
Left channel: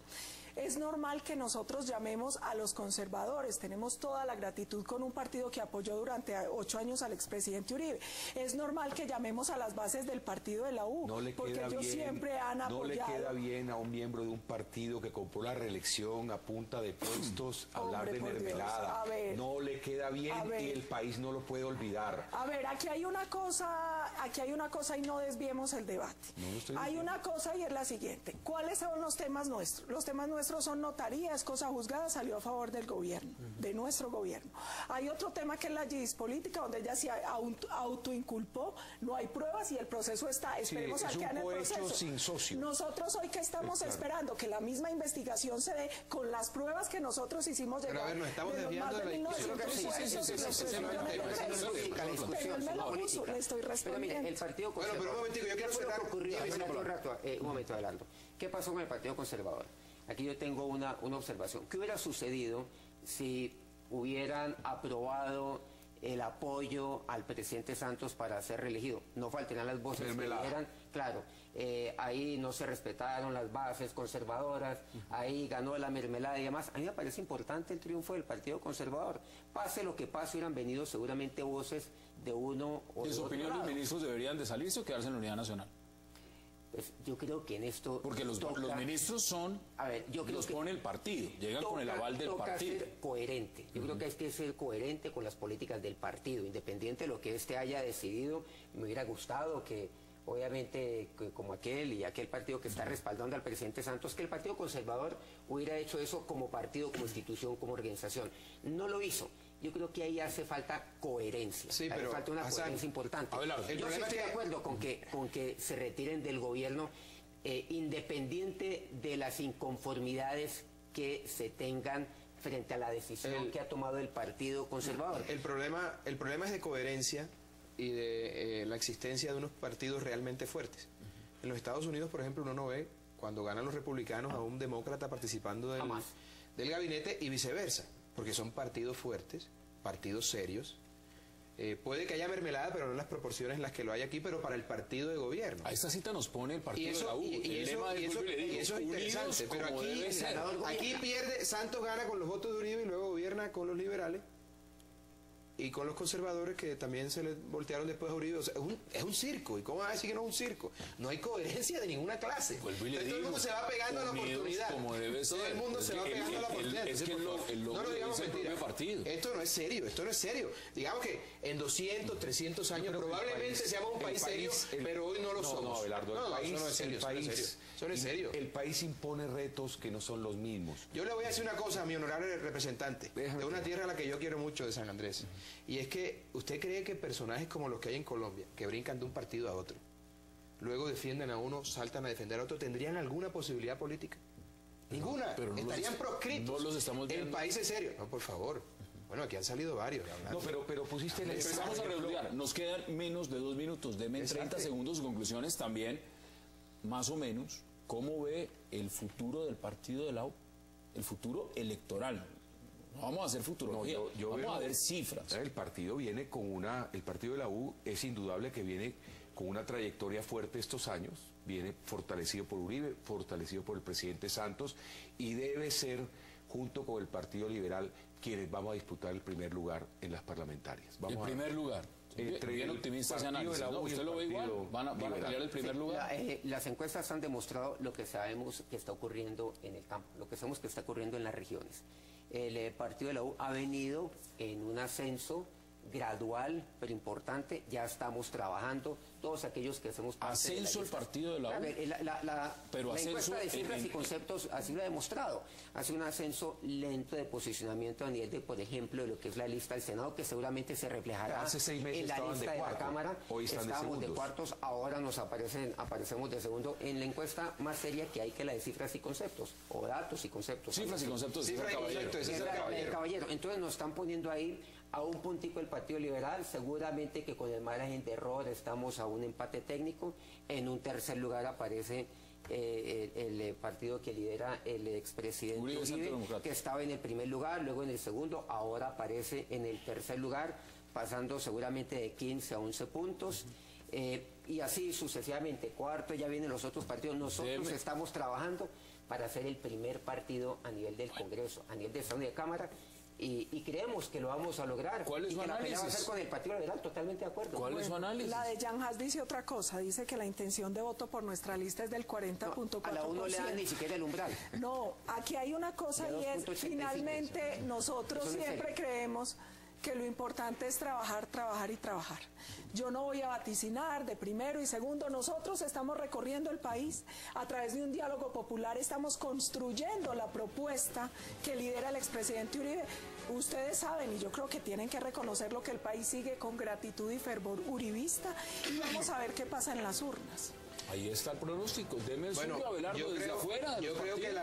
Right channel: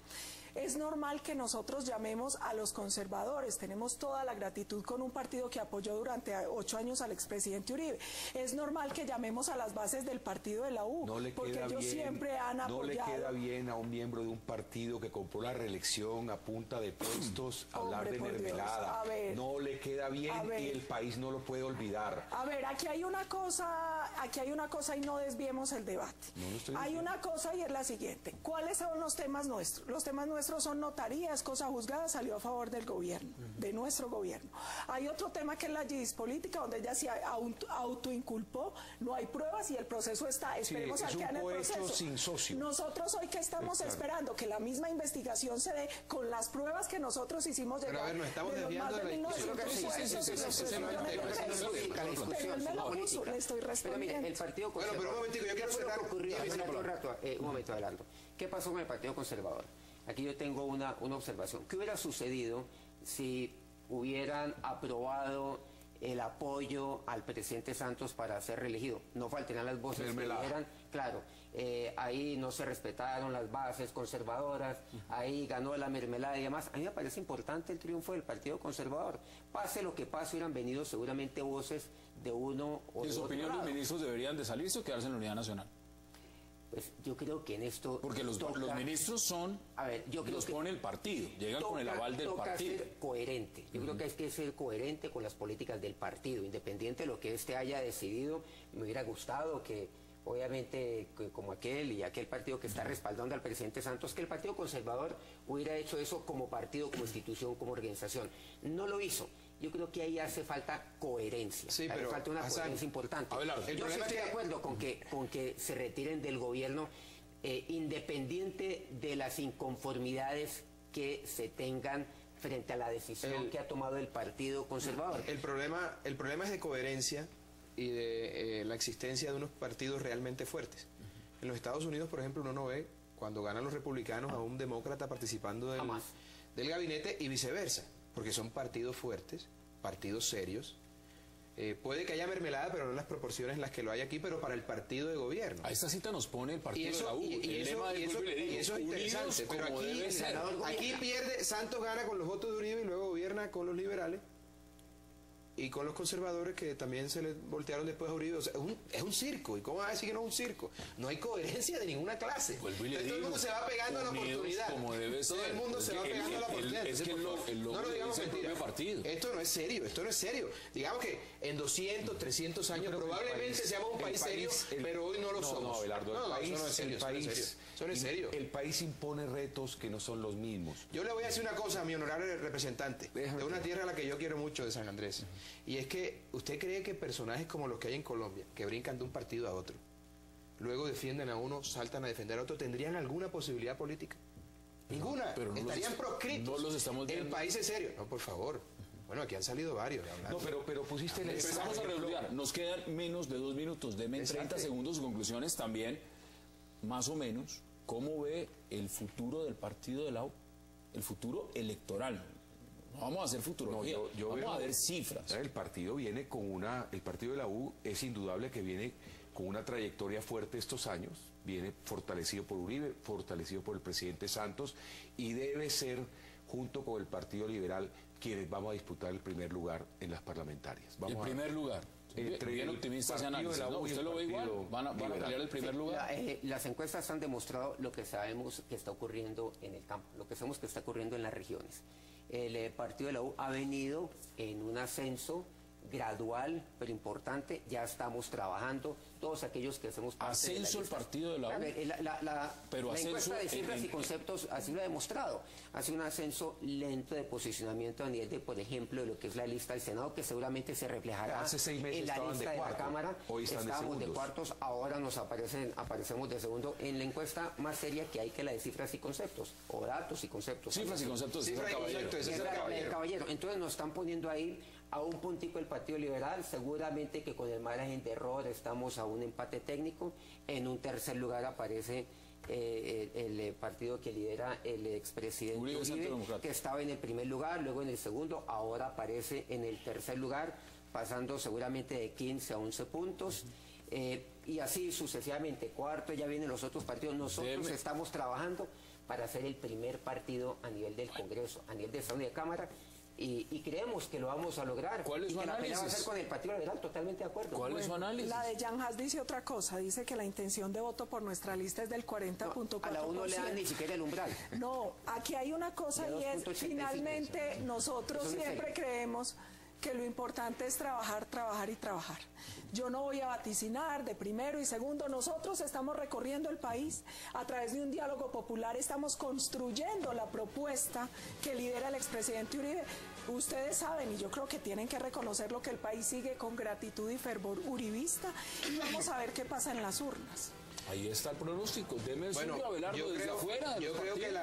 Es normal que nosotros llamemos a los conservadores, tenemos toda la gratitud con un partido que apoyó durante 8 años al expresidente Uribe. Es normal que llamemos a las bases del partido de la U, porque ellos siempre han apoyado. No le queda bien a un miembro de un partido que compró la reelección a punta de puestos hablar de mermelada. No le queda bien y el país no lo puede olvidar. A ver, aquí hay una cosa y no desviemos el debate. Hay una cosa y es la siguiente. ¿Cuáles son los temas nuestros? Los temas nuestros son notarías, cosa juzgada, salió a favor del gobierno, de nuestro gobierno. Hay otro tema que es la juris política, donde ella se autoinculpó, no hay pruebas y el proceso está. Esperemos a que en el proceso. Sin socio. Nosotros hoy que estamos esperando que la misma investigación se dé con las pruebas que nosotros hicimos llegar. Pero a ver, nos estamos desviando de la discusión. Le estoy respondiendo. El Partido Conservador. Pero un momentico, yo quiero cerrar. Un momento, adelanto. ¿Qué pasó con el Partido Conservador? Aquí yo tengo una observación. ¿Qué hubiera sucedido si hubieran aprobado el apoyo al presidente Santos para ser reelegido? No faltarían las voces que dijeran, claro, ahí no se respetaron las bases conservadoras, ahí ganó la mermelada y demás. A mí me parece importante el triunfo del Partido Conservador. Pase lo que pase, hubieran venido seguramente voces de uno o ¿En su opinión los ministros deberían de salirse o quedarse en la unidad nacional? Pues yo creo que en esto... Porque los ministros son... A ver, yo creo los pone el partido, llegan con el aval del partido. Ser coherente. Yo creo que hay que ser coherente con las políticas del partido, independiente de lo que éste haya decidido. Me hubiera gustado que, obviamente, como aquel partido que está respaldando al presidente Santos, que el Partido Conservador hubiera hecho eso como partido, constitución, como organización. No lo hizo. Yo creo que ahí hace falta coherencia. Sí, pero falta una coherencia importante. Yo estoy de acuerdo con que se retiren del gobierno, independiente de las inconformidades que se tengan frente a la decisión que ha tomado el Partido Conservador. El problema es de coherencia y de la existencia de unos partidos realmente fuertes. En los Estados Unidos, por ejemplo, uno no ve cuando ganan los republicanos a un demócrata participando del gabinete y viceversa, porque son partidos fuertes, partidos serios. Puede que haya mermelada, pero no en las proporciones en las que lo hay aquí, pero para el partido de gobierno. A esta cita nos pone el partido de la U. Y eso es interesante, pero aquí pierde, Santos gana con los votos de Uribe y luego gobierna con los liberales y con los conservadores que también se le voltearon después a Uribe. O sea, es un circo. ¿Y cómo va a decir que no es un circo? No hay coherencia de ninguna clase. Pues todo el mundo se va pegando a la oportunidad. Todo el mundo se va pegando a la oportunidad. No lo digamos mentira. Esto no es serio. Digamos que en 200, 300 años probablemente seamos un país serio, pero hoy no lo somos. No, eso no es serio. Eso no es serio. El país impone retos que no son los mismos. Yo le voy a decir una cosa a mi honorable representante de una tierra a la que yo quiero mucho, de San Andrés. Y es que usted cree que personajes como los que hay en Colombia, que brincan de un partido a otro, luego defienden a uno, saltan a defender a otro, ¿tendrían alguna posibilidad política? Ninguna. Pero estarían proscritos. No los estamos viendo. En países serios. No, por favor. Bueno, aquí han salido varios. No, pero pusiste en Empezamos a redondear. Nos quedan menos de 2 minutos. Deme 30 segundos de conclusiones también, más o menos. ¿Cómo ve el futuro del partido de la U? El futuro electoral. No vamos a hacer futurología, vamos a ver cifras. El partido viene con el partido de la U es indudable que viene con una trayectoria fuerte estos años, viene fortalecido por Uribe, fortalecido por el presidente Santos y debe ser, junto con el Partido Liberal, quienes vamos a disputar el primer lugar en las parlamentarias. El primer lugar. Bien optimista ese análisis, ¿no? ¿Usted lo ve igual? ¿Van a pelear el primer lugar? Las encuestas han demostrado lo que sabemos que está ocurriendo en el campo, lo que sabemos que está ocurriendo en las regiones. El partido de la U ha venido en un ascenso gradual, pero importante. Ya estamos trabajando, todos aquellos que hacemos parte ascenso el partido de la U. La encuesta de cifras y conceptos así lo ha demostrado. Ha sido un ascenso lento de posicionamiento a nivel de, por ejemplo, de lo que es la lista del Senado, que seguramente se reflejará en la lista de la Cámara. Estábamos de cuartos, ahora nos aparecemos de segundo en la encuesta más seria que hay, que la de cifras y conceptos, o datos y conceptos. Cifras y conceptos, caballero. Entonces nos están poniendo ahí a un puntico el Partido Liberal, seguramente que con el margen de error estamos a un empate técnico. En un tercer lugar aparece el partido que lidera el expresidente Uribe, que estaba en el primer lugar, luego en el segundo, ahora aparece en el tercer lugar, pasando seguramente de 15 a 11 puntos. Y así sucesivamente. Cuarto, ya vienen los otros partidos. Nosotros estamos trabajando para hacer el primer partido a nivel del Congreso, a nivel de Estado y de Cámara, y creemos que lo vamos a lograr. ¿Cuál es su análisis? Vamos a hacer con el Partido Liberal, totalmente de acuerdo. ¿Cuál es su análisis? La de Jan Haas dice otra cosa, dice que la intención de voto por nuestra lista es del 40.4%. A la uno le dan ni siquiera el umbral. No, aquí hay una cosa y es, finalmente, nosotros siempre creemos que lo importante es trabajar, trabajar y trabajar. Yo no voy a vaticinar de primero y segundo. Nosotros estamos recorriendo el país a través de un diálogo popular, estamos construyendo la propuesta que lidera el expresidente Uribe. Ustedes saben, y yo creo que tienen que reconocerlo, que el país sigue con gratitud y fervor uribista, y vamos a ver qué pasa en las urnas. Ahí está el pronóstico. Deme Bueno, Abelardo desde afuera. Yo creo que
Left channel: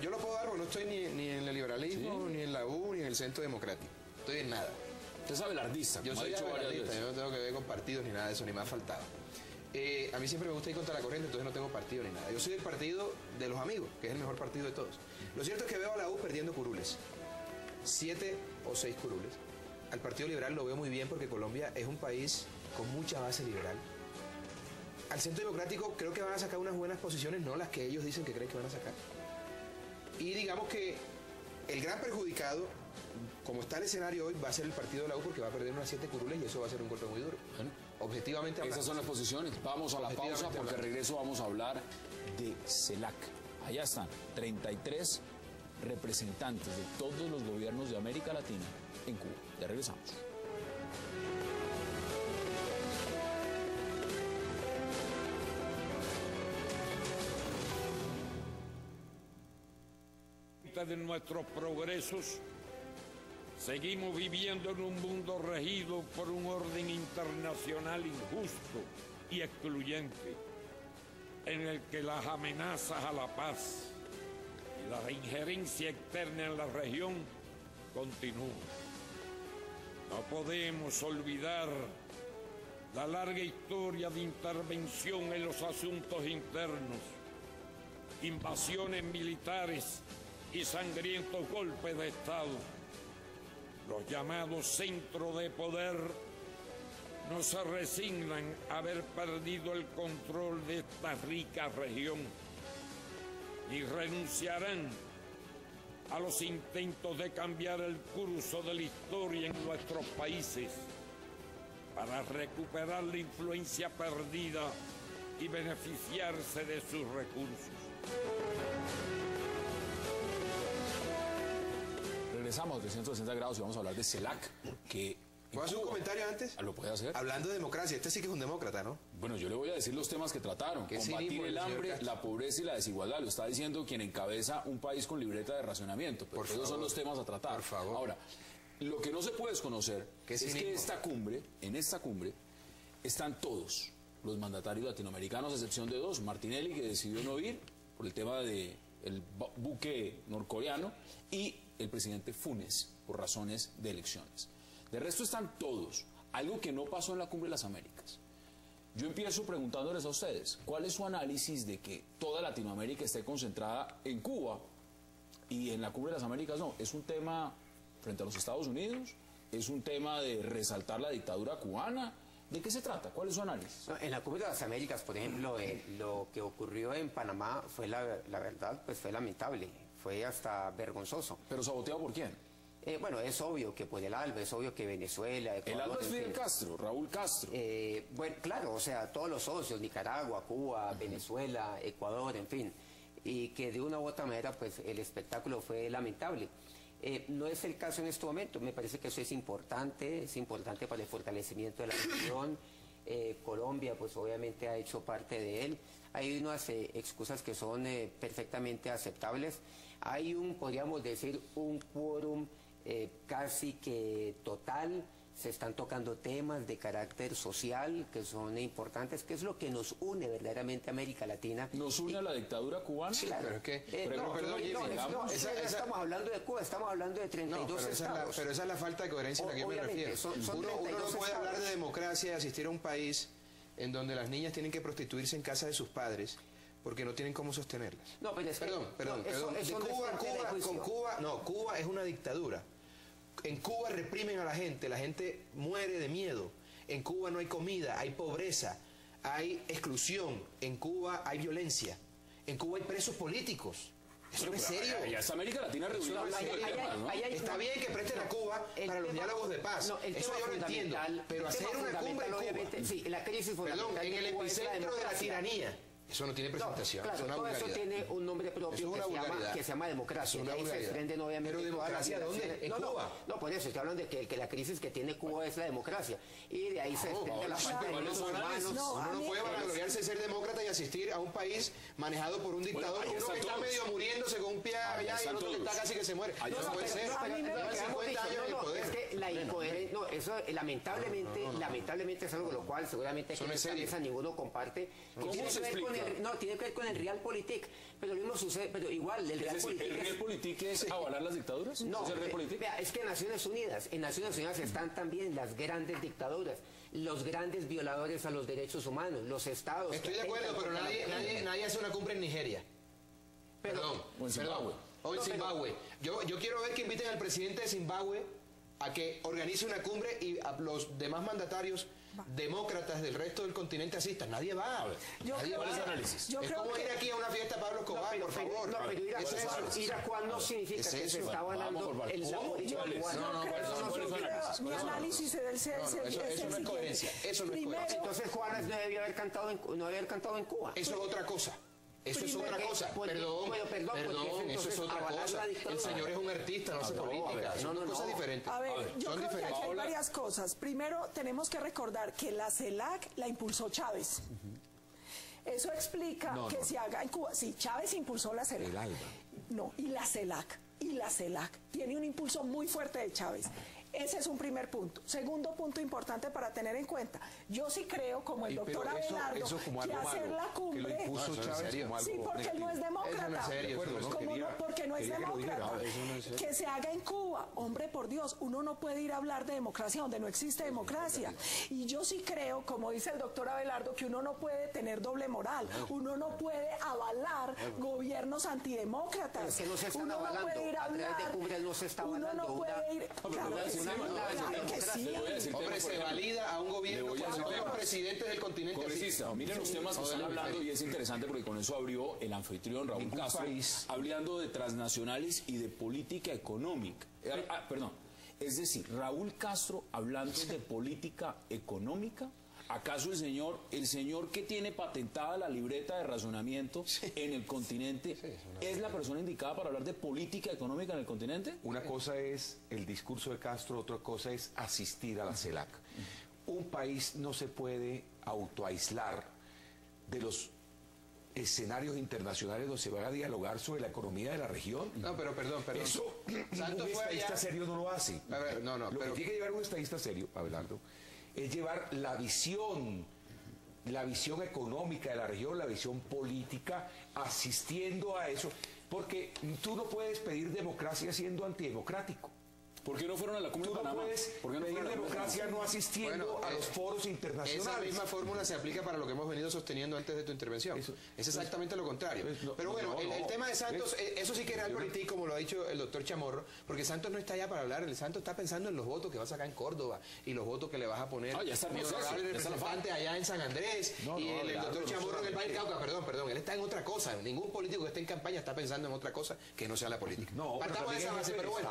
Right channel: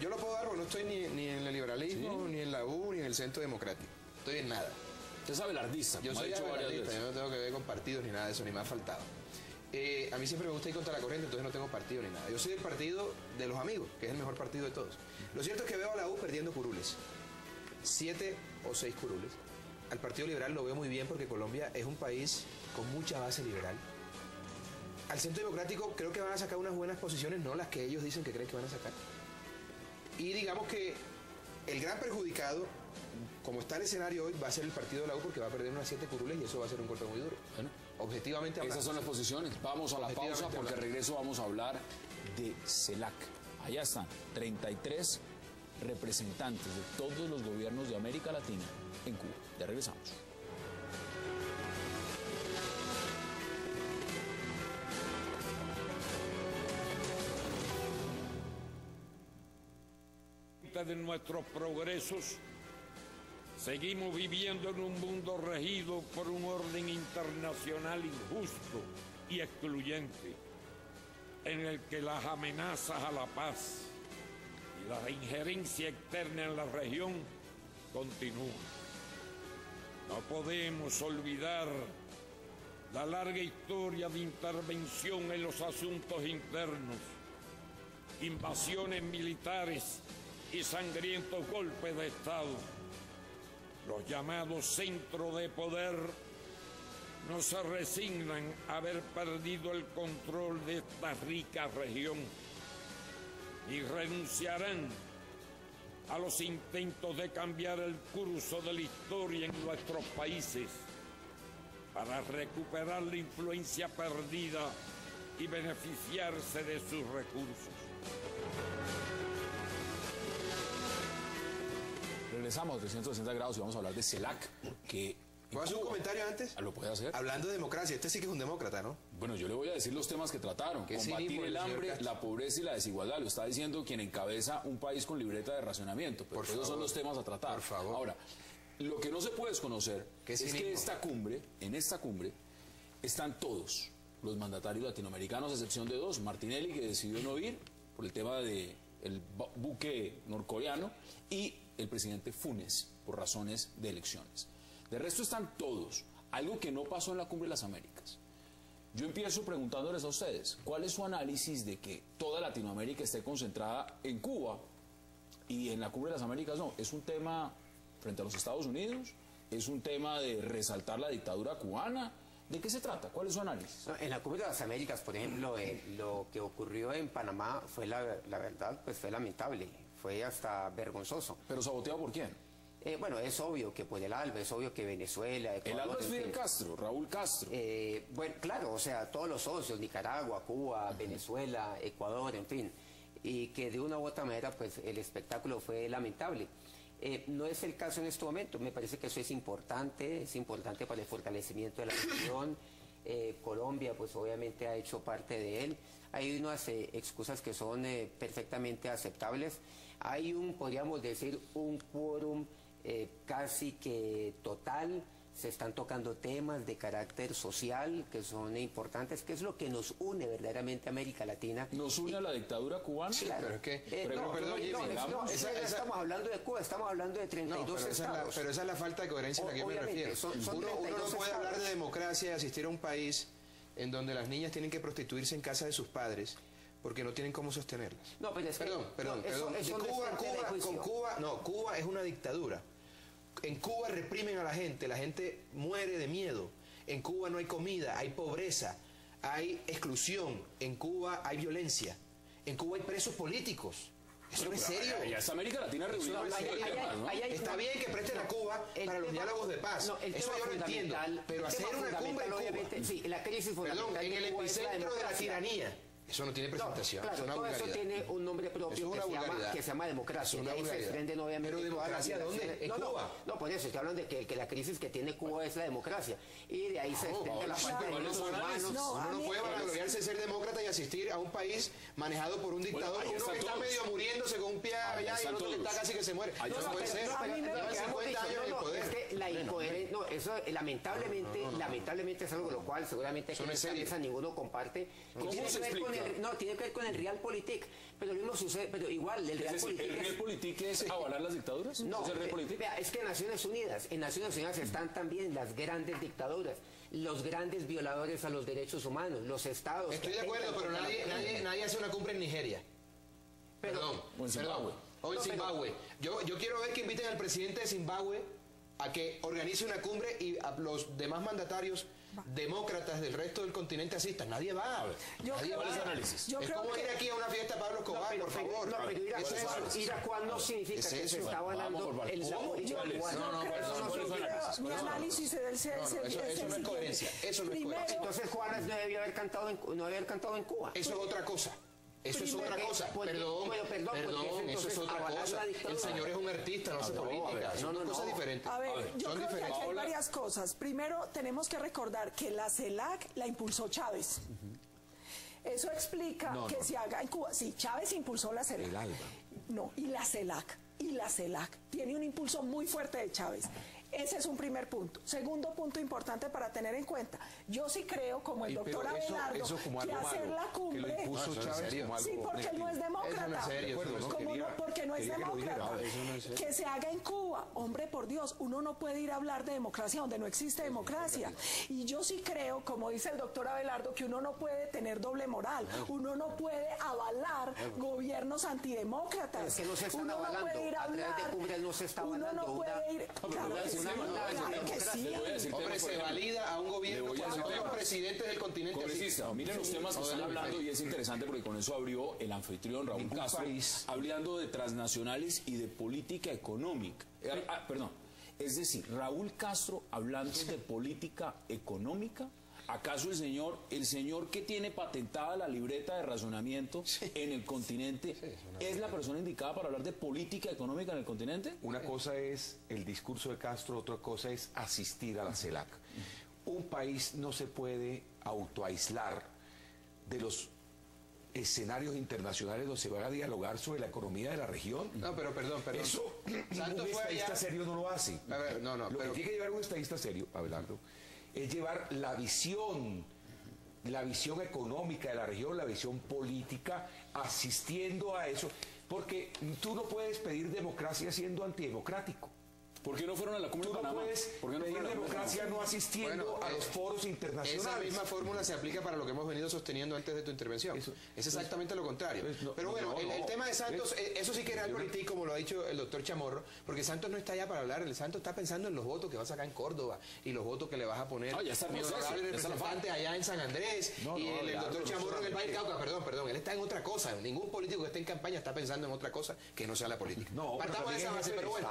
yo lo puedo dar porque no estoy ni en el liberalismo, ni en la U, ni en el Centro Democrático. Estoy en nada. Usted es abelardista. Yo soy abelardista, yo no tengo que ver con partidos ni nada de eso, ni me ha faltado. A mí siempre me gusta ir contra la corriente, entonces no tengo partido ni nada. Yo soy el partido de los amigos, que es el mejor partido de todos. Lo cierto es que veo a la U perdiendo curules. 7 o 6 curules. Al Partido Liberal lo veo muy bien porque Colombia es un país con mucha base liberal. Al Centro Democrático creo que van a sacar unas buenas posiciones, no las que ellos dicen que creen que van a sacar. Y digamos que el gran perjudicado, como está el escenario hoy, va a ser el partido de la U porque va a perder unas 7 curules y eso va a ser un golpe muy duro. Objetivamente hablando. Esas son las posiciones. Vamos a la pausa porque al regreso vamos a hablar de CELAC. Allá están 33 representantes de todos los gobiernos de América Latina en Cuba. Ya regresamos. De nuestros progresos, seguimos viviendo en un mundo regido por un orden internacional injusto y excluyente, en el que las amenazas a la paz y la injerencia externa en la región continúan. No podemos olvidar la larga historia de intervención en los asuntos internos, invasiones militares y sangrientos golpes de Estado. Los llamados centros de poder no se resignan a haber perdido el control de esta rica región y renunciarán a los intentos de cambiar el curso de la historia en nuestros países para recuperar la influencia perdida y beneficiarse de sus recursos. Regresamos a 360 grados y vamos a hablar de CELAC, que... ¿Puedo hacer un comentario antes? ¿Lo puede hacer? Hablando de democracia, este sí que es un demócrata, ¿no? Bueno, yo le voy a decir los temas que trataron. Combatir el hambre, la pobreza y la desigualdad. Lo está diciendo quien encabeza un país con libreta de racionamiento. Pero esos son los temas a tratar. Por favor. Ahora, lo que no se puede desconocer es que en esta cumbre, están todos los mandatarios latinoamericanos, a excepción de 2. Martinelli, que decidió no ir por el tema del buque norcoreano, y el presidente Funes, por razones de elecciones. De resto están todos. Algo que no pasó en la Cumbre de las Américas. Yo empiezo preguntándoles a ustedes, ¿cuál es su análisis de que toda Latinoamérica esté concentrada en Cuba y en la Cumbre de las Américas no? ¿Es un tema frente a los Estados Unidos? ¿Es un tema de resaltar la dictadura cubana? ¿De qué se trata? ¿Cuál es su análisis? No, en la Cumbre de las Américas, por ejemplo, lo que ocurrió en Panamá fue la verdad, pues fue lamentable, fue hasta vergonzoso. ¿Pero saboteado por quién? Bueno, es obvio que por el ALBA, es obvio que Venezuela, Ecuador... El ALBA es Fidel Castro, Raúl Castro. Bueno, claro, o sea, todos los socios, Nicaragua, Cuba, Venezuela, Ecuador, en fin, y que de una u otra manera, pues el espectáculo fue lamentable. No es el caso en este momento, me parece que eso es importante para el fortalecimiento de la región. Colombia, pues obviamente ha hecho parte de él. Hay unas excusas que son perfectamente aceptables. Hay podríamos decir, un quórum casi que total. Se están tocando temas de carácter social que son importantes, que es lo que nos une verdaderamente a América Latina. ¿Nos une a la dictadura cubana? Claro. Pero es que... Estamos hablando de Cuba, estamos hablando de 32 estados. Pero esa es la falta de coherencia a la que yo me refiero. Uno no puede hablar de democracia y asistir a un país en donde las niñas tienen que prostituirse en casa de sus padres, porque no tienen cómo sostenerlas. No, pero es que... Perdón. Cuba es una dictadura. En Cuba reprimen a la gente muere de miedo. En Cuba no hay comida, hay pobreza, hay exclusión. En Cuba hay violencia. En Cuba hay presos políticos. Eso no es serio. Ya está América Latina reunida. Está bien que presten a Cuba para los diálogos de paz. Eso yo lo entiendo. Pero hacer una cumbre en Cuba, sí, la crisis fundamental en el epicentro de la tiranía. Eso no tiene presentación. Claro, todo eso tiene un nombre propio que se llama democracia. Y ahí se desprenden obviamente. ¿Pero democracia dónde? ¿En Cuba? No, por eso, que hablan de que la crisis que tiene Cuba es la democracia. Y de ahí se desprende la falta de derechos humanos. Uno no puede vanagloriarse de ser demócrata y asistir a un país manejado por un dictador. Uno que está medio muriéndose con un pie allá y otro que está casi que se muere. No puede ser. 50 años en el poder. Es que la incoherencia, no, eso lamentablemente es algo lo cual seguramente ninguno comparte. Tiene que ver con el realpolitik, pero lo mismo sucede, pero igual el realpolitik es avalar las dictaduras. No, es que en Naciones Unidas están también las grandes dictaduras, los grandes violadores a los derechos humanos, los estados. Estoy de acuerdo, pero nadie hace una cumbre en Nigeria. Perdón. O en Zimbabue. Yo quiero ver que inviten al presidente de Zimbabue a que organice una cumbre y a los demás mandatarios demócratas del resto del continente asistan. Nadie va. Nadie va a ese análisis. Es como ir aquí a una fiesta a Pablo Escobar, por favor. Ir a cuál no significa que se está avalando el mi análisis es eso no es coherencia. Eso no es coherencia. Entonces Juanes no debía haber cantado en Cuba. Eso es otra cosa. Eso es otra cosa. Perdón, eso es otra cosa. El señor es un artista, no hace política. Son cosas diferentes. A ver, yo creo que hay varias cosas. Primero, tenemos que recordar que la CELAC la impulsó Chávez. Eso explica que se haga en Cuba. Sí, Chávez impulsó la CELAC. No, y la CELAC tiene un impulso muy fuerte de Chávez. Ese es un primer punto. Segundo punto importante para tener en cuenta. Yo sí creo, como el doctor Abelardo, que hacer la cumbre... Sí, porque no es demócrata. Porque no es demócrata. Que se haga en Cuba. Hombre, por Dios, uno no puede ir a hablar de democracia donde no existe democracia. Y yo sí creo, como dice el doctor Abelardo, que uno no puede tener doble moral. Uno no puede avalar gobiernos antidemócratas. Uno no puede ir a hablar... Uno no puede ir... Hombre, se valida a un gobierno cuando los presidentes del continente. Congresista, miren los temas que están hablando y es interesante porque con eso abrió el anfitrión Raúl Castro, hablando de transnacionales y de política económica. Perdón, es decir, Raúl Castro hablando de política económica. ¿Acaso el señor que tiene patentada la libreta de razonamiento en el continente es la persona indicada para hablar de política económica en el continente? Una cosa es el discurso de Castro, otra cosa es asistir a la CELAC. Un país no se puede autoaislar de los escenarios internacionales donde se va a dialogar sobre la economía de la región. No, pero perdón. Eso ningún estadista serio no lo hace. A ver, lo que tiene que llevar un estadista serio, Abelardo, es llevar la visión económica de la región, la visión política, asistiendo a eso, porque tú no puedes pedir democracia siendo antidemocrático. ¿Por qué no fueron a la cumbre de Panamá? ¿Por qué no pedir democracia no asistiendo a los foros internacionales? Esa misma fórmula se aplica para lo que hemos venido sosteniendo antes de tu intervención. Es exactamente lo contrario. Pero bueno, el tema de Santos, eso sí que es realpolitik, como lo ha dicho el doctor Chamorro, porque Santos no está allá para hablar, el Santos está pensando en los votos que va a sacar en Córdoba y los votos que le vas a poner ya está bien, el representante allá en San Andrés y el doctor Chamorro en el Valle Cauca. Perdón, él está en otra cosa. Ningún político que esté en campaña está pensando en otra cosa que no sea la política. Partamos de esa base, pero bueno.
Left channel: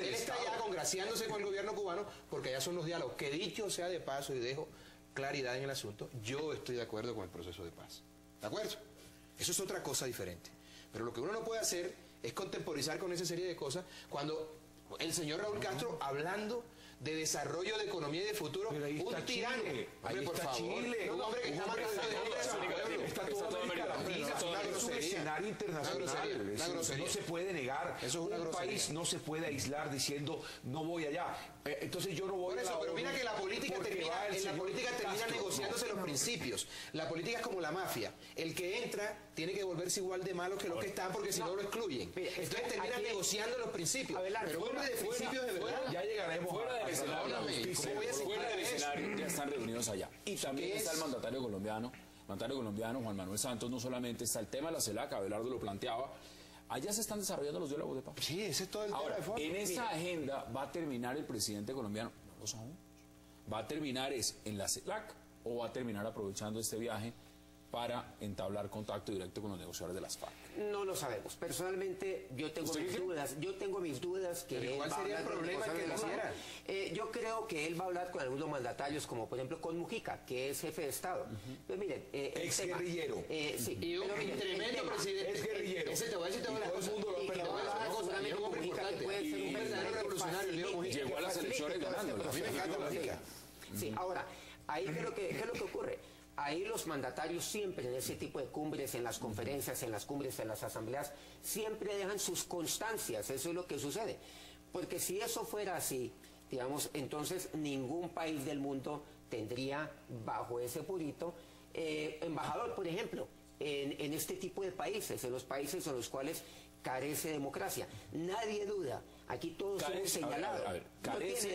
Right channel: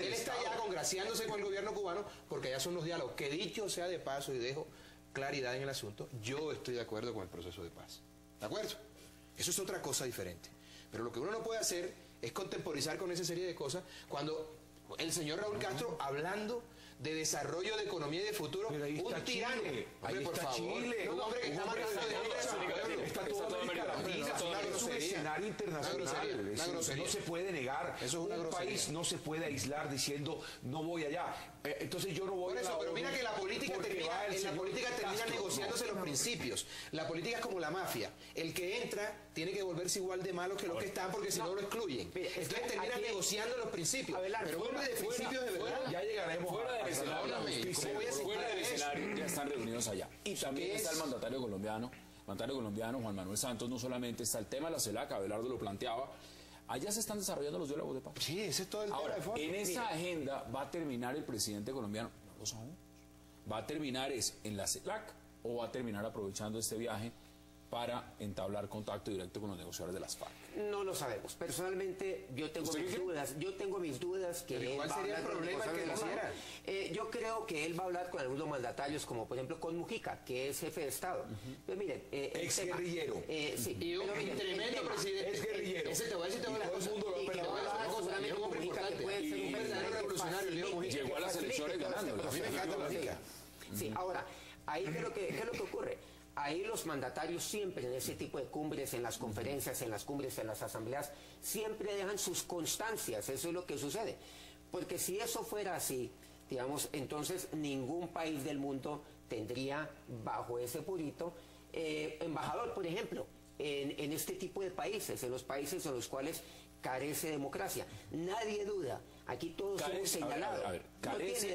Él está ya congraciándose con el gobierno cubano porque ya son los diálogos. Que dicho sea de paso y dejo claridad en el asunto, yo estoy de acuerdo con el proceso de paz. ¿De acuerdo? Eso es otra cosa diferente. Pero lo que uno no puede hacer es contemporizar con esa serie de cosas cuando el señor Raúl Castro hablando de desarrollo de economía y de futuro, un tirano. Hombre, por favor. Un hombre que está marcando un escenario internacional. No se puede negar. Un país no se puede aislar diciendo no voy allá. Entonces yo no voy a eso, pero mira que la política termina negociándose los principios. La política es como la mafia. El que entra tiene que volverse igual de malo que los que están porque si no lo excluyen. Entonces terminan negociando los principios. Pero vuelve de principio de verdad. Ya llegaremos fuera del escenario, ya están reunidos allá. Y también está el mandatario colombiano mandatario colombiano Juan Manuel Santos, no solamente está el tema de la CELAC, Abelardo lo planteaba, allá se están desarrollando los diálogos de paz. Sí, ese es todo el Ahora, tema de fondo. en esa agenda va a terminar el presidente colombiano, no lo sabemos, va a terminar en la CELAC o va a terminar aprovechando este viaje para entablar contacto directo con los negociadores de las FARC. No lo sabemos. Personalmente yo tengo mis dudas que él ¿cuál va a sería el hablar con problema los que lo negociadores. Yo creo que él va a hablar con algunos mandatarios, como por ejemplo con Mujica, que es jefe de Estado. Pero miren, Ex guerrillero. Sí, Y un tremendo presidente. Es guerrillero. Ese te voy a decir una cosa. y que va a hablar con un amigo Mujica, que puede ser un verdadero revolucionario. Llegó a las elecciones ganando. Sí, ahora, ahí ¿qué es lo que ocurre? Ahí los mandatarios siempre en ese tipo de cumbres, en las conferencias, en las cumbres, en las asambleas, siempre dejan sus constancias, eso es lo que sucede. Porque si eso fuera así, digamos, entonces ningún país del mundo tendría bajo ese purito embajador, por ejemplo, en este tipo de países, en los países en los cuales carece democracia. Nadie duda. Aquí todos somos señalados. ¿Carece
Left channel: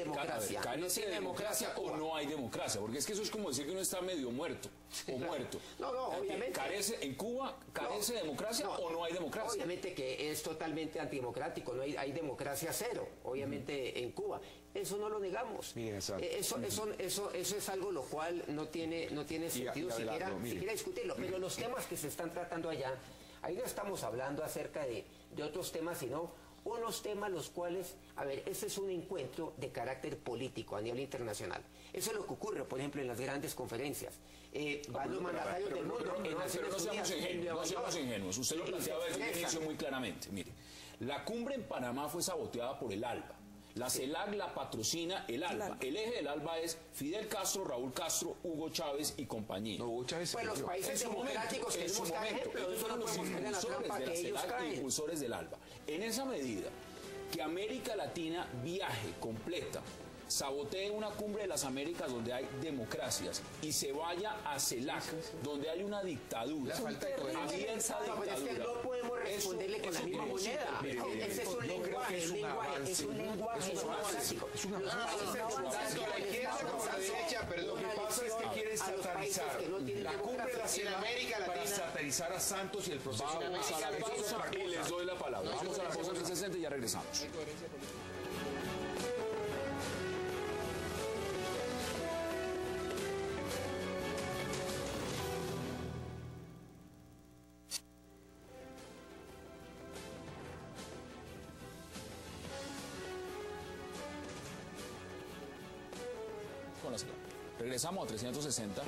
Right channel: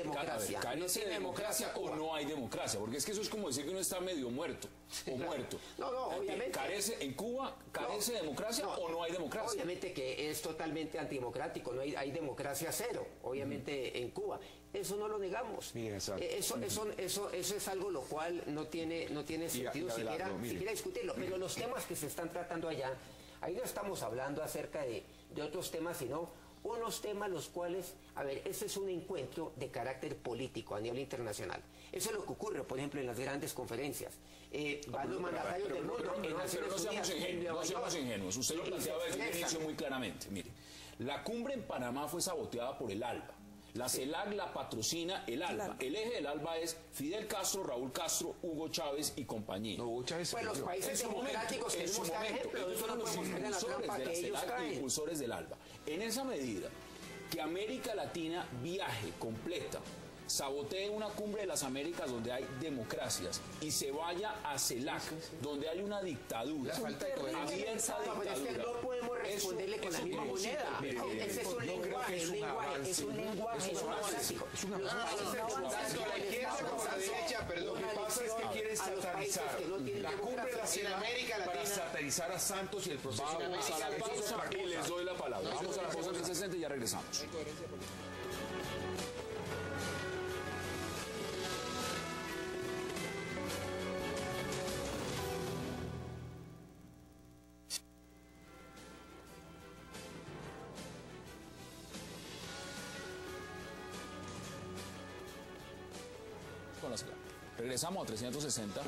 de democracia o no hay democracia? Porque es que eso es como decir que uno está medio muerto o muerto. No, obviamente. ¿En Cuba carece de democracia o no hay democracia? Obviamente que es totalmente antidemocrático, no hay democracia cero, obviamente en Cuba. Eso no lo negamos. Eso es algo lo cual no tiene sentido siquiera discutirlo. Pero los temas que se están tratando allá, ahí no estamos hablando acerca de otros temas, sino unos temas los cuales, a ver, este es un encuentro de carácter político a nivel internacional. Eso es lo que ocurre, por ejemplo, en las grandes conferencias. Van los mandatarios del mundo en Naciones Unidas. No seamos ingenuos. Usted lo planteaba desde el inicio muy claramente. Mire, la cumbre en Panamá fue saboteada por el ALBA. La CELAC la patrocina el ALBA. El eje del ALBA es Fidel Castro, Raúl Castro, Hugo Chávez y compañía. No, Hugo Chávez Pues los países democráticos tenemos que ejemplo, no solo promocionan la trampa que ellos traen. Impulsores del ALBA. En esa medida que América Latina viaje completa, sabotee una cumbre de las Américas donde hay democracias y se vaya a CELAC donde hay una dictadura, abierta dictadura. No podemos responderle con la misma moneda. Ese es un lenguaje, es un lenguaje democrático. Es una Lo que pasa es que quieren satarizar la cumbre en América Latina. Para satarizar a Santos y el proceso. Vamos a la pausa y les doy la palabra. Vamos a la pausa del 60 y ya regresamos. Regresamos a 360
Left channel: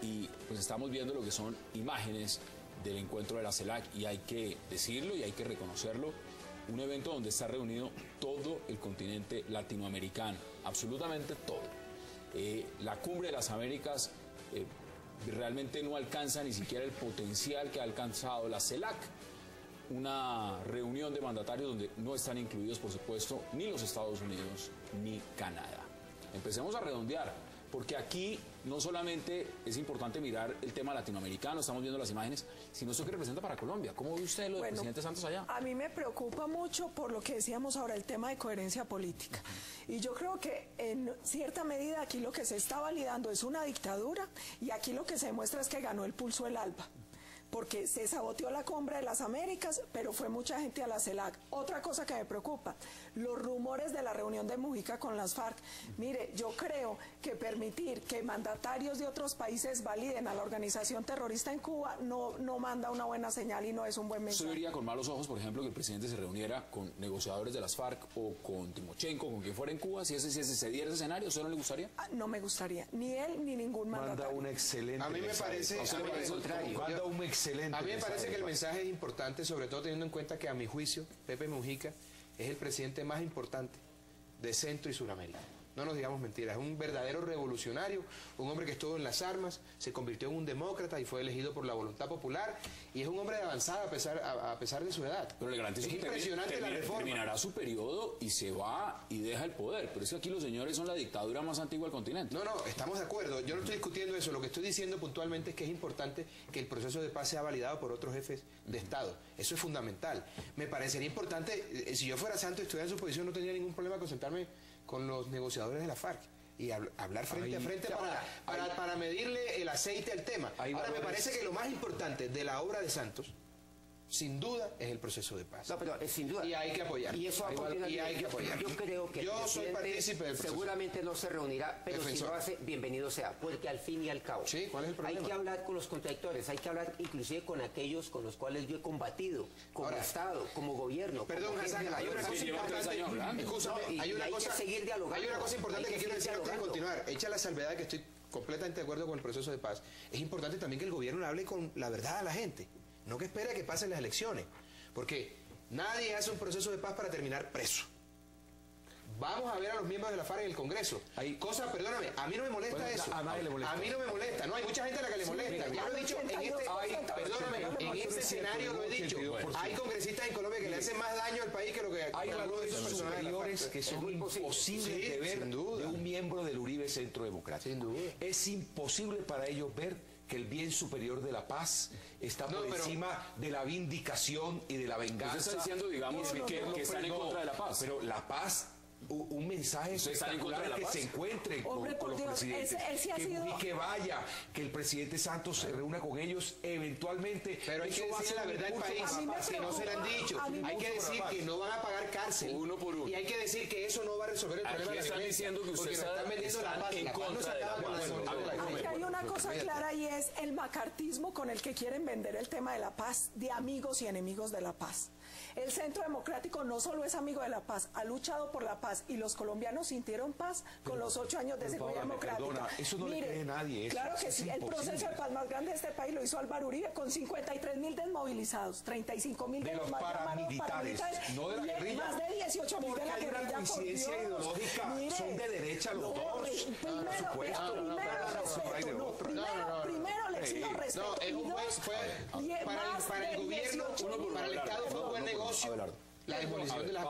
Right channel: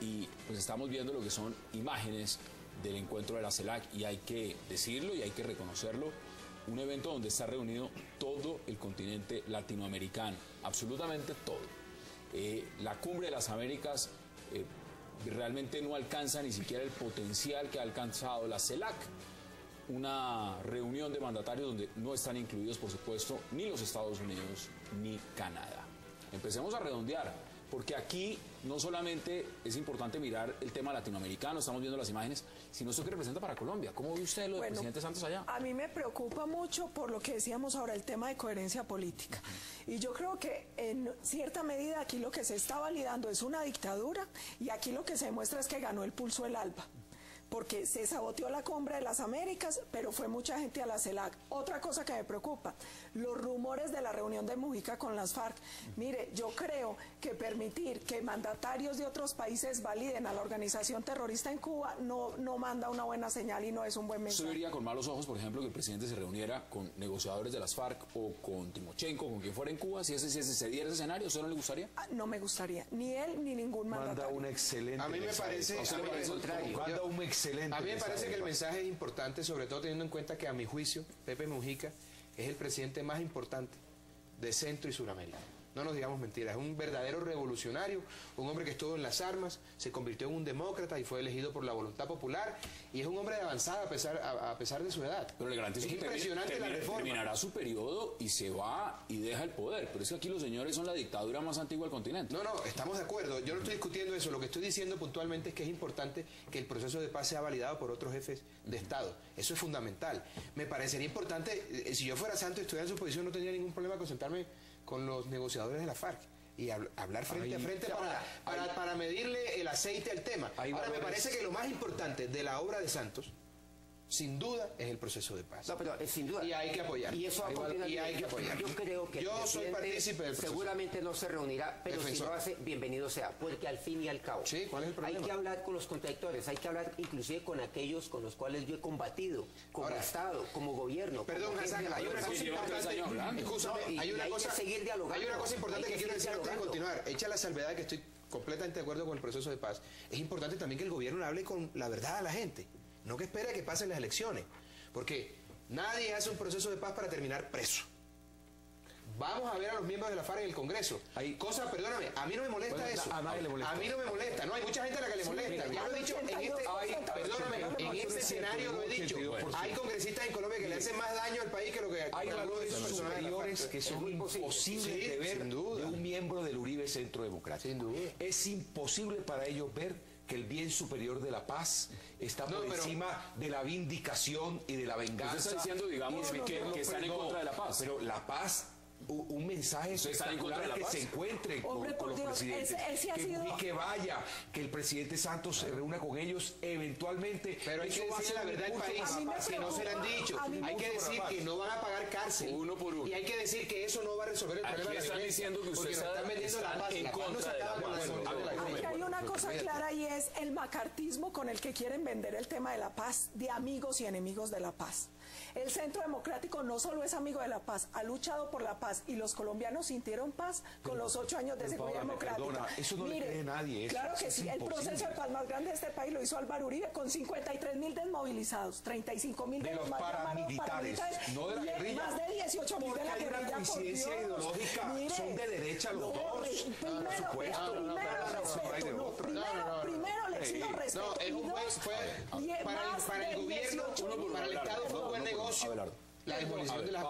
y pues estamos viendo lo que son imágenes del encuentro de la CELAC y hay que decirlo y hay que reconocerlo, un evento donde está reunido todo el continente latinoamericano, absolutamente todo. La cumbre de las Américas realmente no alcanza ni siquiera el potencial que ha alcanzado la CELAC, una reunión de mandatarios donde no están incluidos, por supuesto, ni los Estados Unidos ni Canadá. Empecemos a redondear, porque aquí no solamente es importante mirar el tema latinoamericano, estamos viendo las imágenes, sino esto que representa para Colombia. ¿Cómo ve usted lo del presidente Santos allá? A mí me preocupa mucho por lo que decíamos ahora, el tema de coherencia política. Y yo creo que en cierta medida aquí lo que se está validando es una dictadura y aquí lo que se demuestra es que ganó el pulso el ALBA. Porque se saboteó la cumbre de las Américas, pero fue mucha gente a la CELAC. Otra cosa que me preocupa, los rumores de la reunión de Mujica con las FARC. Mire, yo creo que permitir que mandatarios de otros países validen a la organización terrorista en Cuba no manda una buena señal y no es un buen mensaje. ¿Usted vería con malos ojos, por ejemplo, que el presidente se reuniera con negociadores de las FARC o con Timochenko, con quien fuera en Cuba? Si se diera ese escenario, ¿eso no le gustaría? No me gustaría, ni él ni ningún mandatario. Manda un excelente A mí me parece, excelente. A mí me parece que el mensaje es importante, sobre todo teniendo en cuenta que a mi juicio, Pepe Mujica es el presidente más importante de Centro y Sudamérica. No nos digamos mentiras, es un verdadero revolucionario, un hombre que estuvo en las armas, se convirtió en un demócrata y fue elegido por la voluntad popular, y es un hombre de avanzada a pesar de su edad. Pero le garantizo que terminará su periodo y se va y deja el poder. Pero es que aquí los señores son la dictadura más antigua del continente. No, estamos de acuerdo. Yo no estoy discutiendo eso. Lo que estoy diciendo puntualmente es que es importante que el proceso de paz sea validado por otros jefes de Estado. Eso es fundamental. Me parecería importante, si yo fuera Santos y estuviera en su posición, no tendría ningún problema con sentarme con los negociadores de la FARC. y hablar frente a frente para medirle el aceite al tema. Ahora, me parece que lo más importante de la obra de Santos, sin duda, es el proceso de paz. No, pero sin duda. Y hay que apoyar. Y eso y hay que apoyar. Yo creo que yo soy partícipe del proceso. Seguramente no se reunirá, pero si lo hace, bienvenido sea, porque al fin y al cabo sí, ¿cuál es el problema? hay que hablar con los contradictores, hay que hablar inclusive con aquellos con los cuales yo he combatido, como Estado, como gobierno. Perdón, Hassan, hay una cosa importante. Hay una cosa importante que quiero decir antes de continuar. Hecha la salvedad de que estoy completamente de acuerdo con el proceso de paz. Es importante también que el gobierno le hable con la verdad a la gente, no que espere a que pasen las elecciones. Porque nadie hace un proceso de paz para terminar preso. Vamos a ver a los miembros de la FARC en el Congreso. Hay cosas, perdóname, a mí no me molesta eso. A mí no me molesta. No, hay mucha gente a la que le molesta. Ya lo he dicho, en este escenario lo he dicho. Hay congresistas en Colombia que le hacen más daño al país que lo que hay valores superiores que son imposibles de ver de un miembro del Uribe Centro Democrático. Es imposible para ellos ver que el bien superior de la paz está por encima de la vindicación y de la venganza. Usted está diciendo, digamos, que están en contra de la paz. Pero la paz, un mensaje espectacular que se encuentren con los presidentes, que vaya, que el presidente Santos se reúna con ellos eventualmente. Pero hay que decir la verdad al país, si no se lo han dicho. Hay que decir que no van a pagar cárcel uno por uno. Y hay que decir que eso no va a resolver el problema. Aquí están diciendo que ustedes están en contra de la paz. Hay una cosa clara y es el macartismo con el que quieren vender el tema de la paz, de amigos y enemigos de la paz. El Centro Democrático no solo es amigo de la paz, ha luchado por la paz y los colombianos sintieron paz con los 8 años de seguridad democrática. Eso no le cree nadie. Claro que sí, el proceso de paz más grande de este país lo hizo Álvaro Uribe con 53.000 desmovilizados, 35.000 de los paramilitares, no de la guerrilla. Más de 18.000 de la guerrilla. Una coincidencia ideológica, son de derecha los dos. Primero les pido respeto. Para el gobierno, para el Estado fue un buen negocio. La demolición de las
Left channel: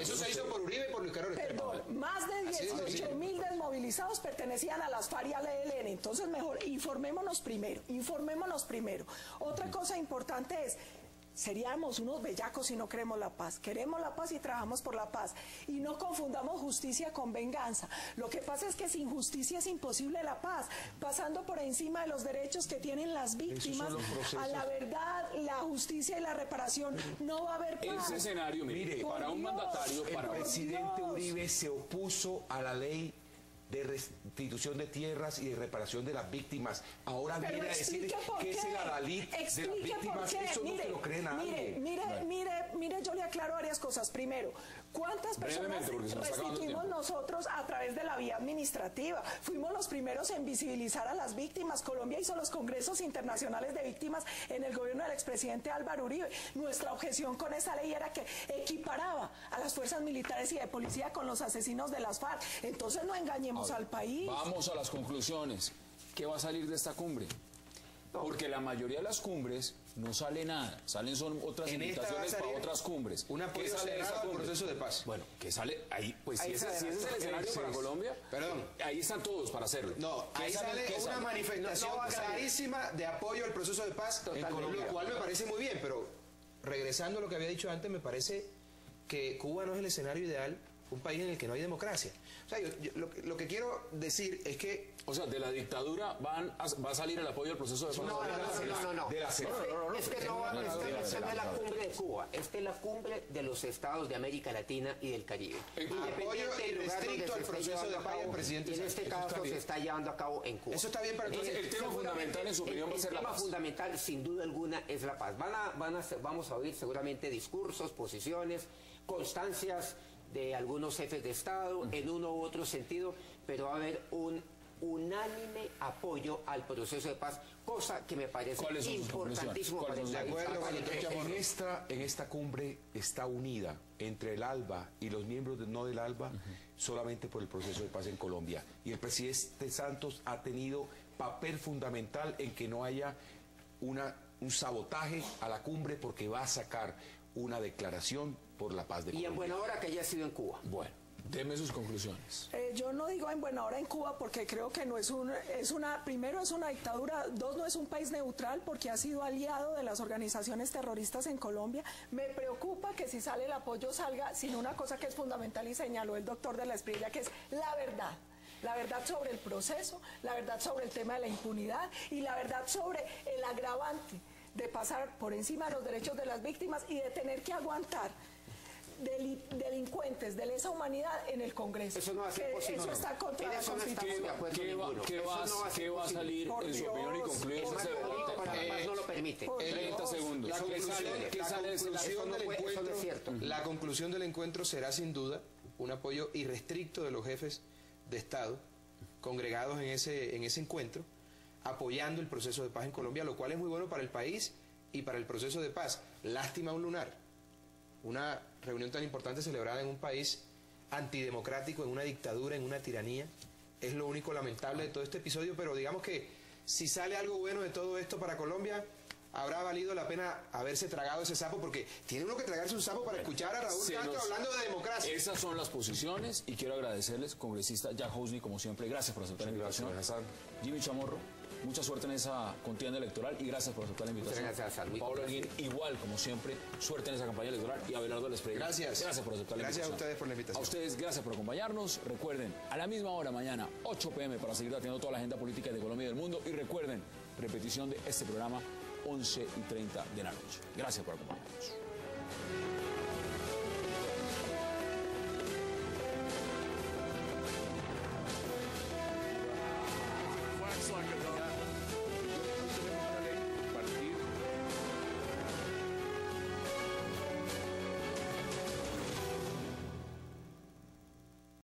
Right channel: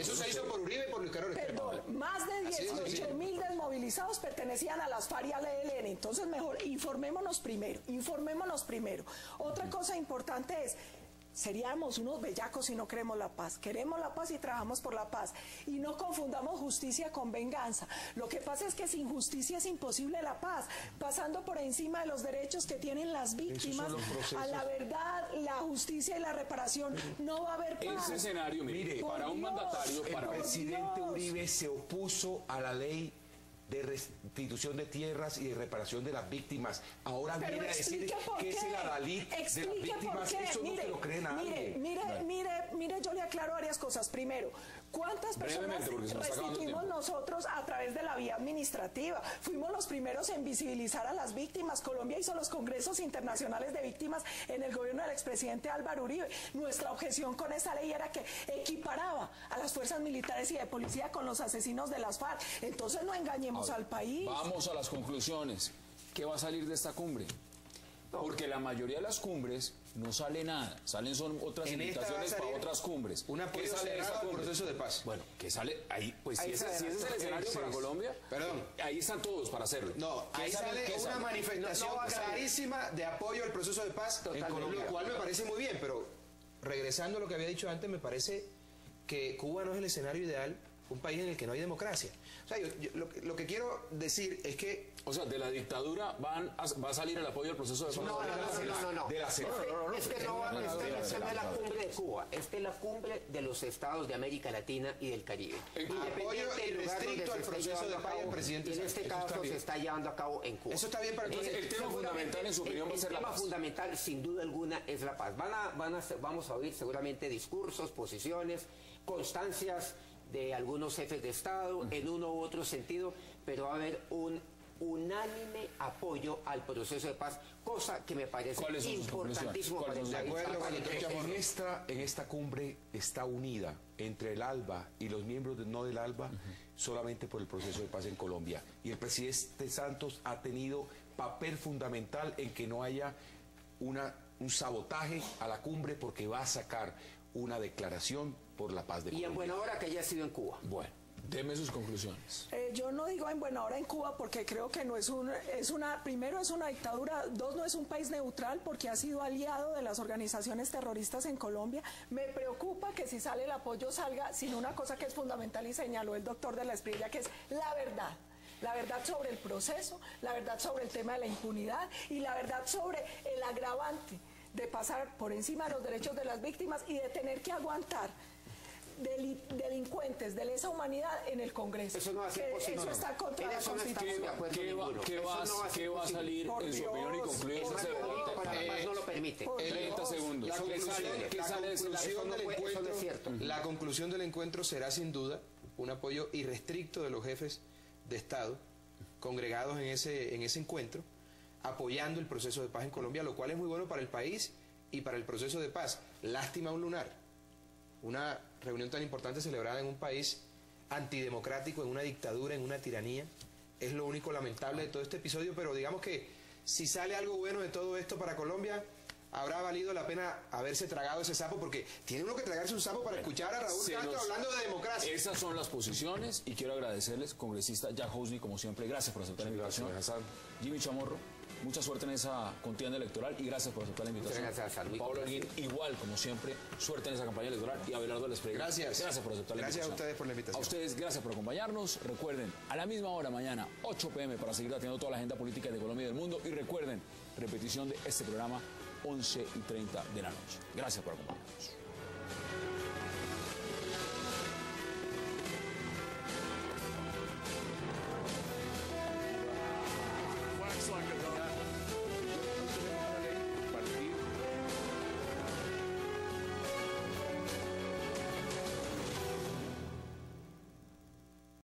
eso se hizo por Uribe y por Luis Carlos Restrepo. Más de 18.000 desmovilizados pertenecían a las FARC y al ELN. Entonces mejor, informémonos primero. Otra cosa importante es, seríamos unos bellacos si no queremos la paz. Queremos la paz y trabajamos por la paz. Y no confundamos justicia con venganza. Lo que pasa es que sin justicia es imposible la paz. Pasando por encima de los derechos que tienen las víctimas, a la verdad, la justicia y la reparación, no va a haber paz. En ese escenario, mire, para un mandatario, el presidente Uribe se opuso a la ley de restitución de tierras y de reparación de las víctimas. Ahora viene a decir que es el adalid de las víctimas. Eso no se lo cree nadie. Mire, yo le aclaro varias cosas. Primero, ¿cuántas personas restituimos nosotros a través de la vía administrativa? Fuimos los primeros en visibilizar a las víctimas. Colombia hizo los congresos internacionales de víctimas en el gobierno del expresidente Álvaro Uribe. Nuestra objeción con esa ley era que equiparaba a las fuerzas militares y de policía con los asesinos de las FARC. Entonces no engañemos al país. Vamos a las conclusiones. ¿Qué va a salir de esta cumbre? Porque la mayoría de las cumbres no sale nada, son otras invitaciones para otras cumbres. Un apoyo cerrado al proceso de paz. Bueno, ¿qué sale ahí? Pues si ese es el escenario para Colombia, perdón, ahí están todos para hacerlo. No, ahí sale una manifestación clarísima de apoyo al proceso de paz, lo cual me parece muy bien, pero regresando a lo que había dicho antes, me parece que Cuba no es el escenario ideal, un país en el que no hay democracia. O sea, lo que quiero decir es que... O sea, de la dictadura va a salir el apoyo al proceso de paz. No. Es que no es de la cumbre de Cuba, es de la cumbre de los estados de América Latina y del Caribe. Apoyo irrestricto al proceso de paz del presidente. En este caso se está llevando a cabo en Cuba. Eso está bien para entonces el tema fundamental en su opinión el tema fundamental, sin duda alguna, es la paz. Vamos a oír seguramente discursos, posiciones, constancias de algunos jefes de Estado en uno u otro sentido, pero va a haber un unánime apoyo al proceso de paz, cosa que me parece importantísimo. En esta cumbre está unida entre el ALBA y los miembros no del ALBA solamente por el proceso de paz en Colombia. Y el presidente Santos ha tenido papel fundamental en que no haya un sabotaje a la cumbre, porque va a sacar una declaración por la paz de Colombia. Y en buena hora que ya ha sido en Cuba. Bueno, deme sus conclusiones. Yo no digo en buena hora en Cuba porque creo que no primero es una dictadura, dos, no es un país neutral porque ha sido aliado de las organizaciones terroristas en Colombia. Me preocupa que si sale el apoyo salga sin una cosa que es fundamental y señaló el doctor de la Espriella, que es la verdad. la verdad sobre el proceso, la verdad sobre el tema de la impunidad y la verdad sobre el agravante de pasar por encima de los derechos de las víctimas y de tener que aguantar delincuentes de lesa humanidad en el Congreso. Eso no va a ser posible. Eso está contra la Constitución. ¿Qué va a salir en su opinión y concluimos esta pregunta? No lo permite. 30 segundos. ¿Qué sale de esa La conclusión del encuentro será sin duda un apoyo irrestricto de los jefes de Estado congregados en ese encuentro, apoyando el proceso de paz en Colombia, lo cual es muy bueno para el país y para el proceso de paz. Lástima un lunar. Una reunión tan importante celebrada en un país antidemocrático, en una dictadura, en una tiranía. Es lo único lamentable de todo este episodio, pero digamos que si sale algo bueno de todo esto para Colombia, habrá valido la pena haberse tragado ese sapo, porque tiene uno que tragarse un sapo para escuchar a Raúl Castro hablando de democracia. Esas son las posiciones y quiero agradecerles, congresista Jack Husney, como siempre, gracias por aceptar la invitación. Jimmy Chamorro, mucha suerte en esa contienda electoral y gracias por aceptar la invitación. Gracias, Pablo Holguín, igual, como siempre, suerte en esa campaña electoral y Abelardo Les Pereira. Gracias Por aceptar la invitación. Gracias a ustedes por la invitación. A ustedes, gracias por acompañarnos. Recuerden, a la misma hora mañana, 8 p.m, para seguir atendiendo toda la agenda política de Colombia y del mundo. Y recuerden, repetición de este programa, 11:30 de la noche. Gracias por acompañarnos.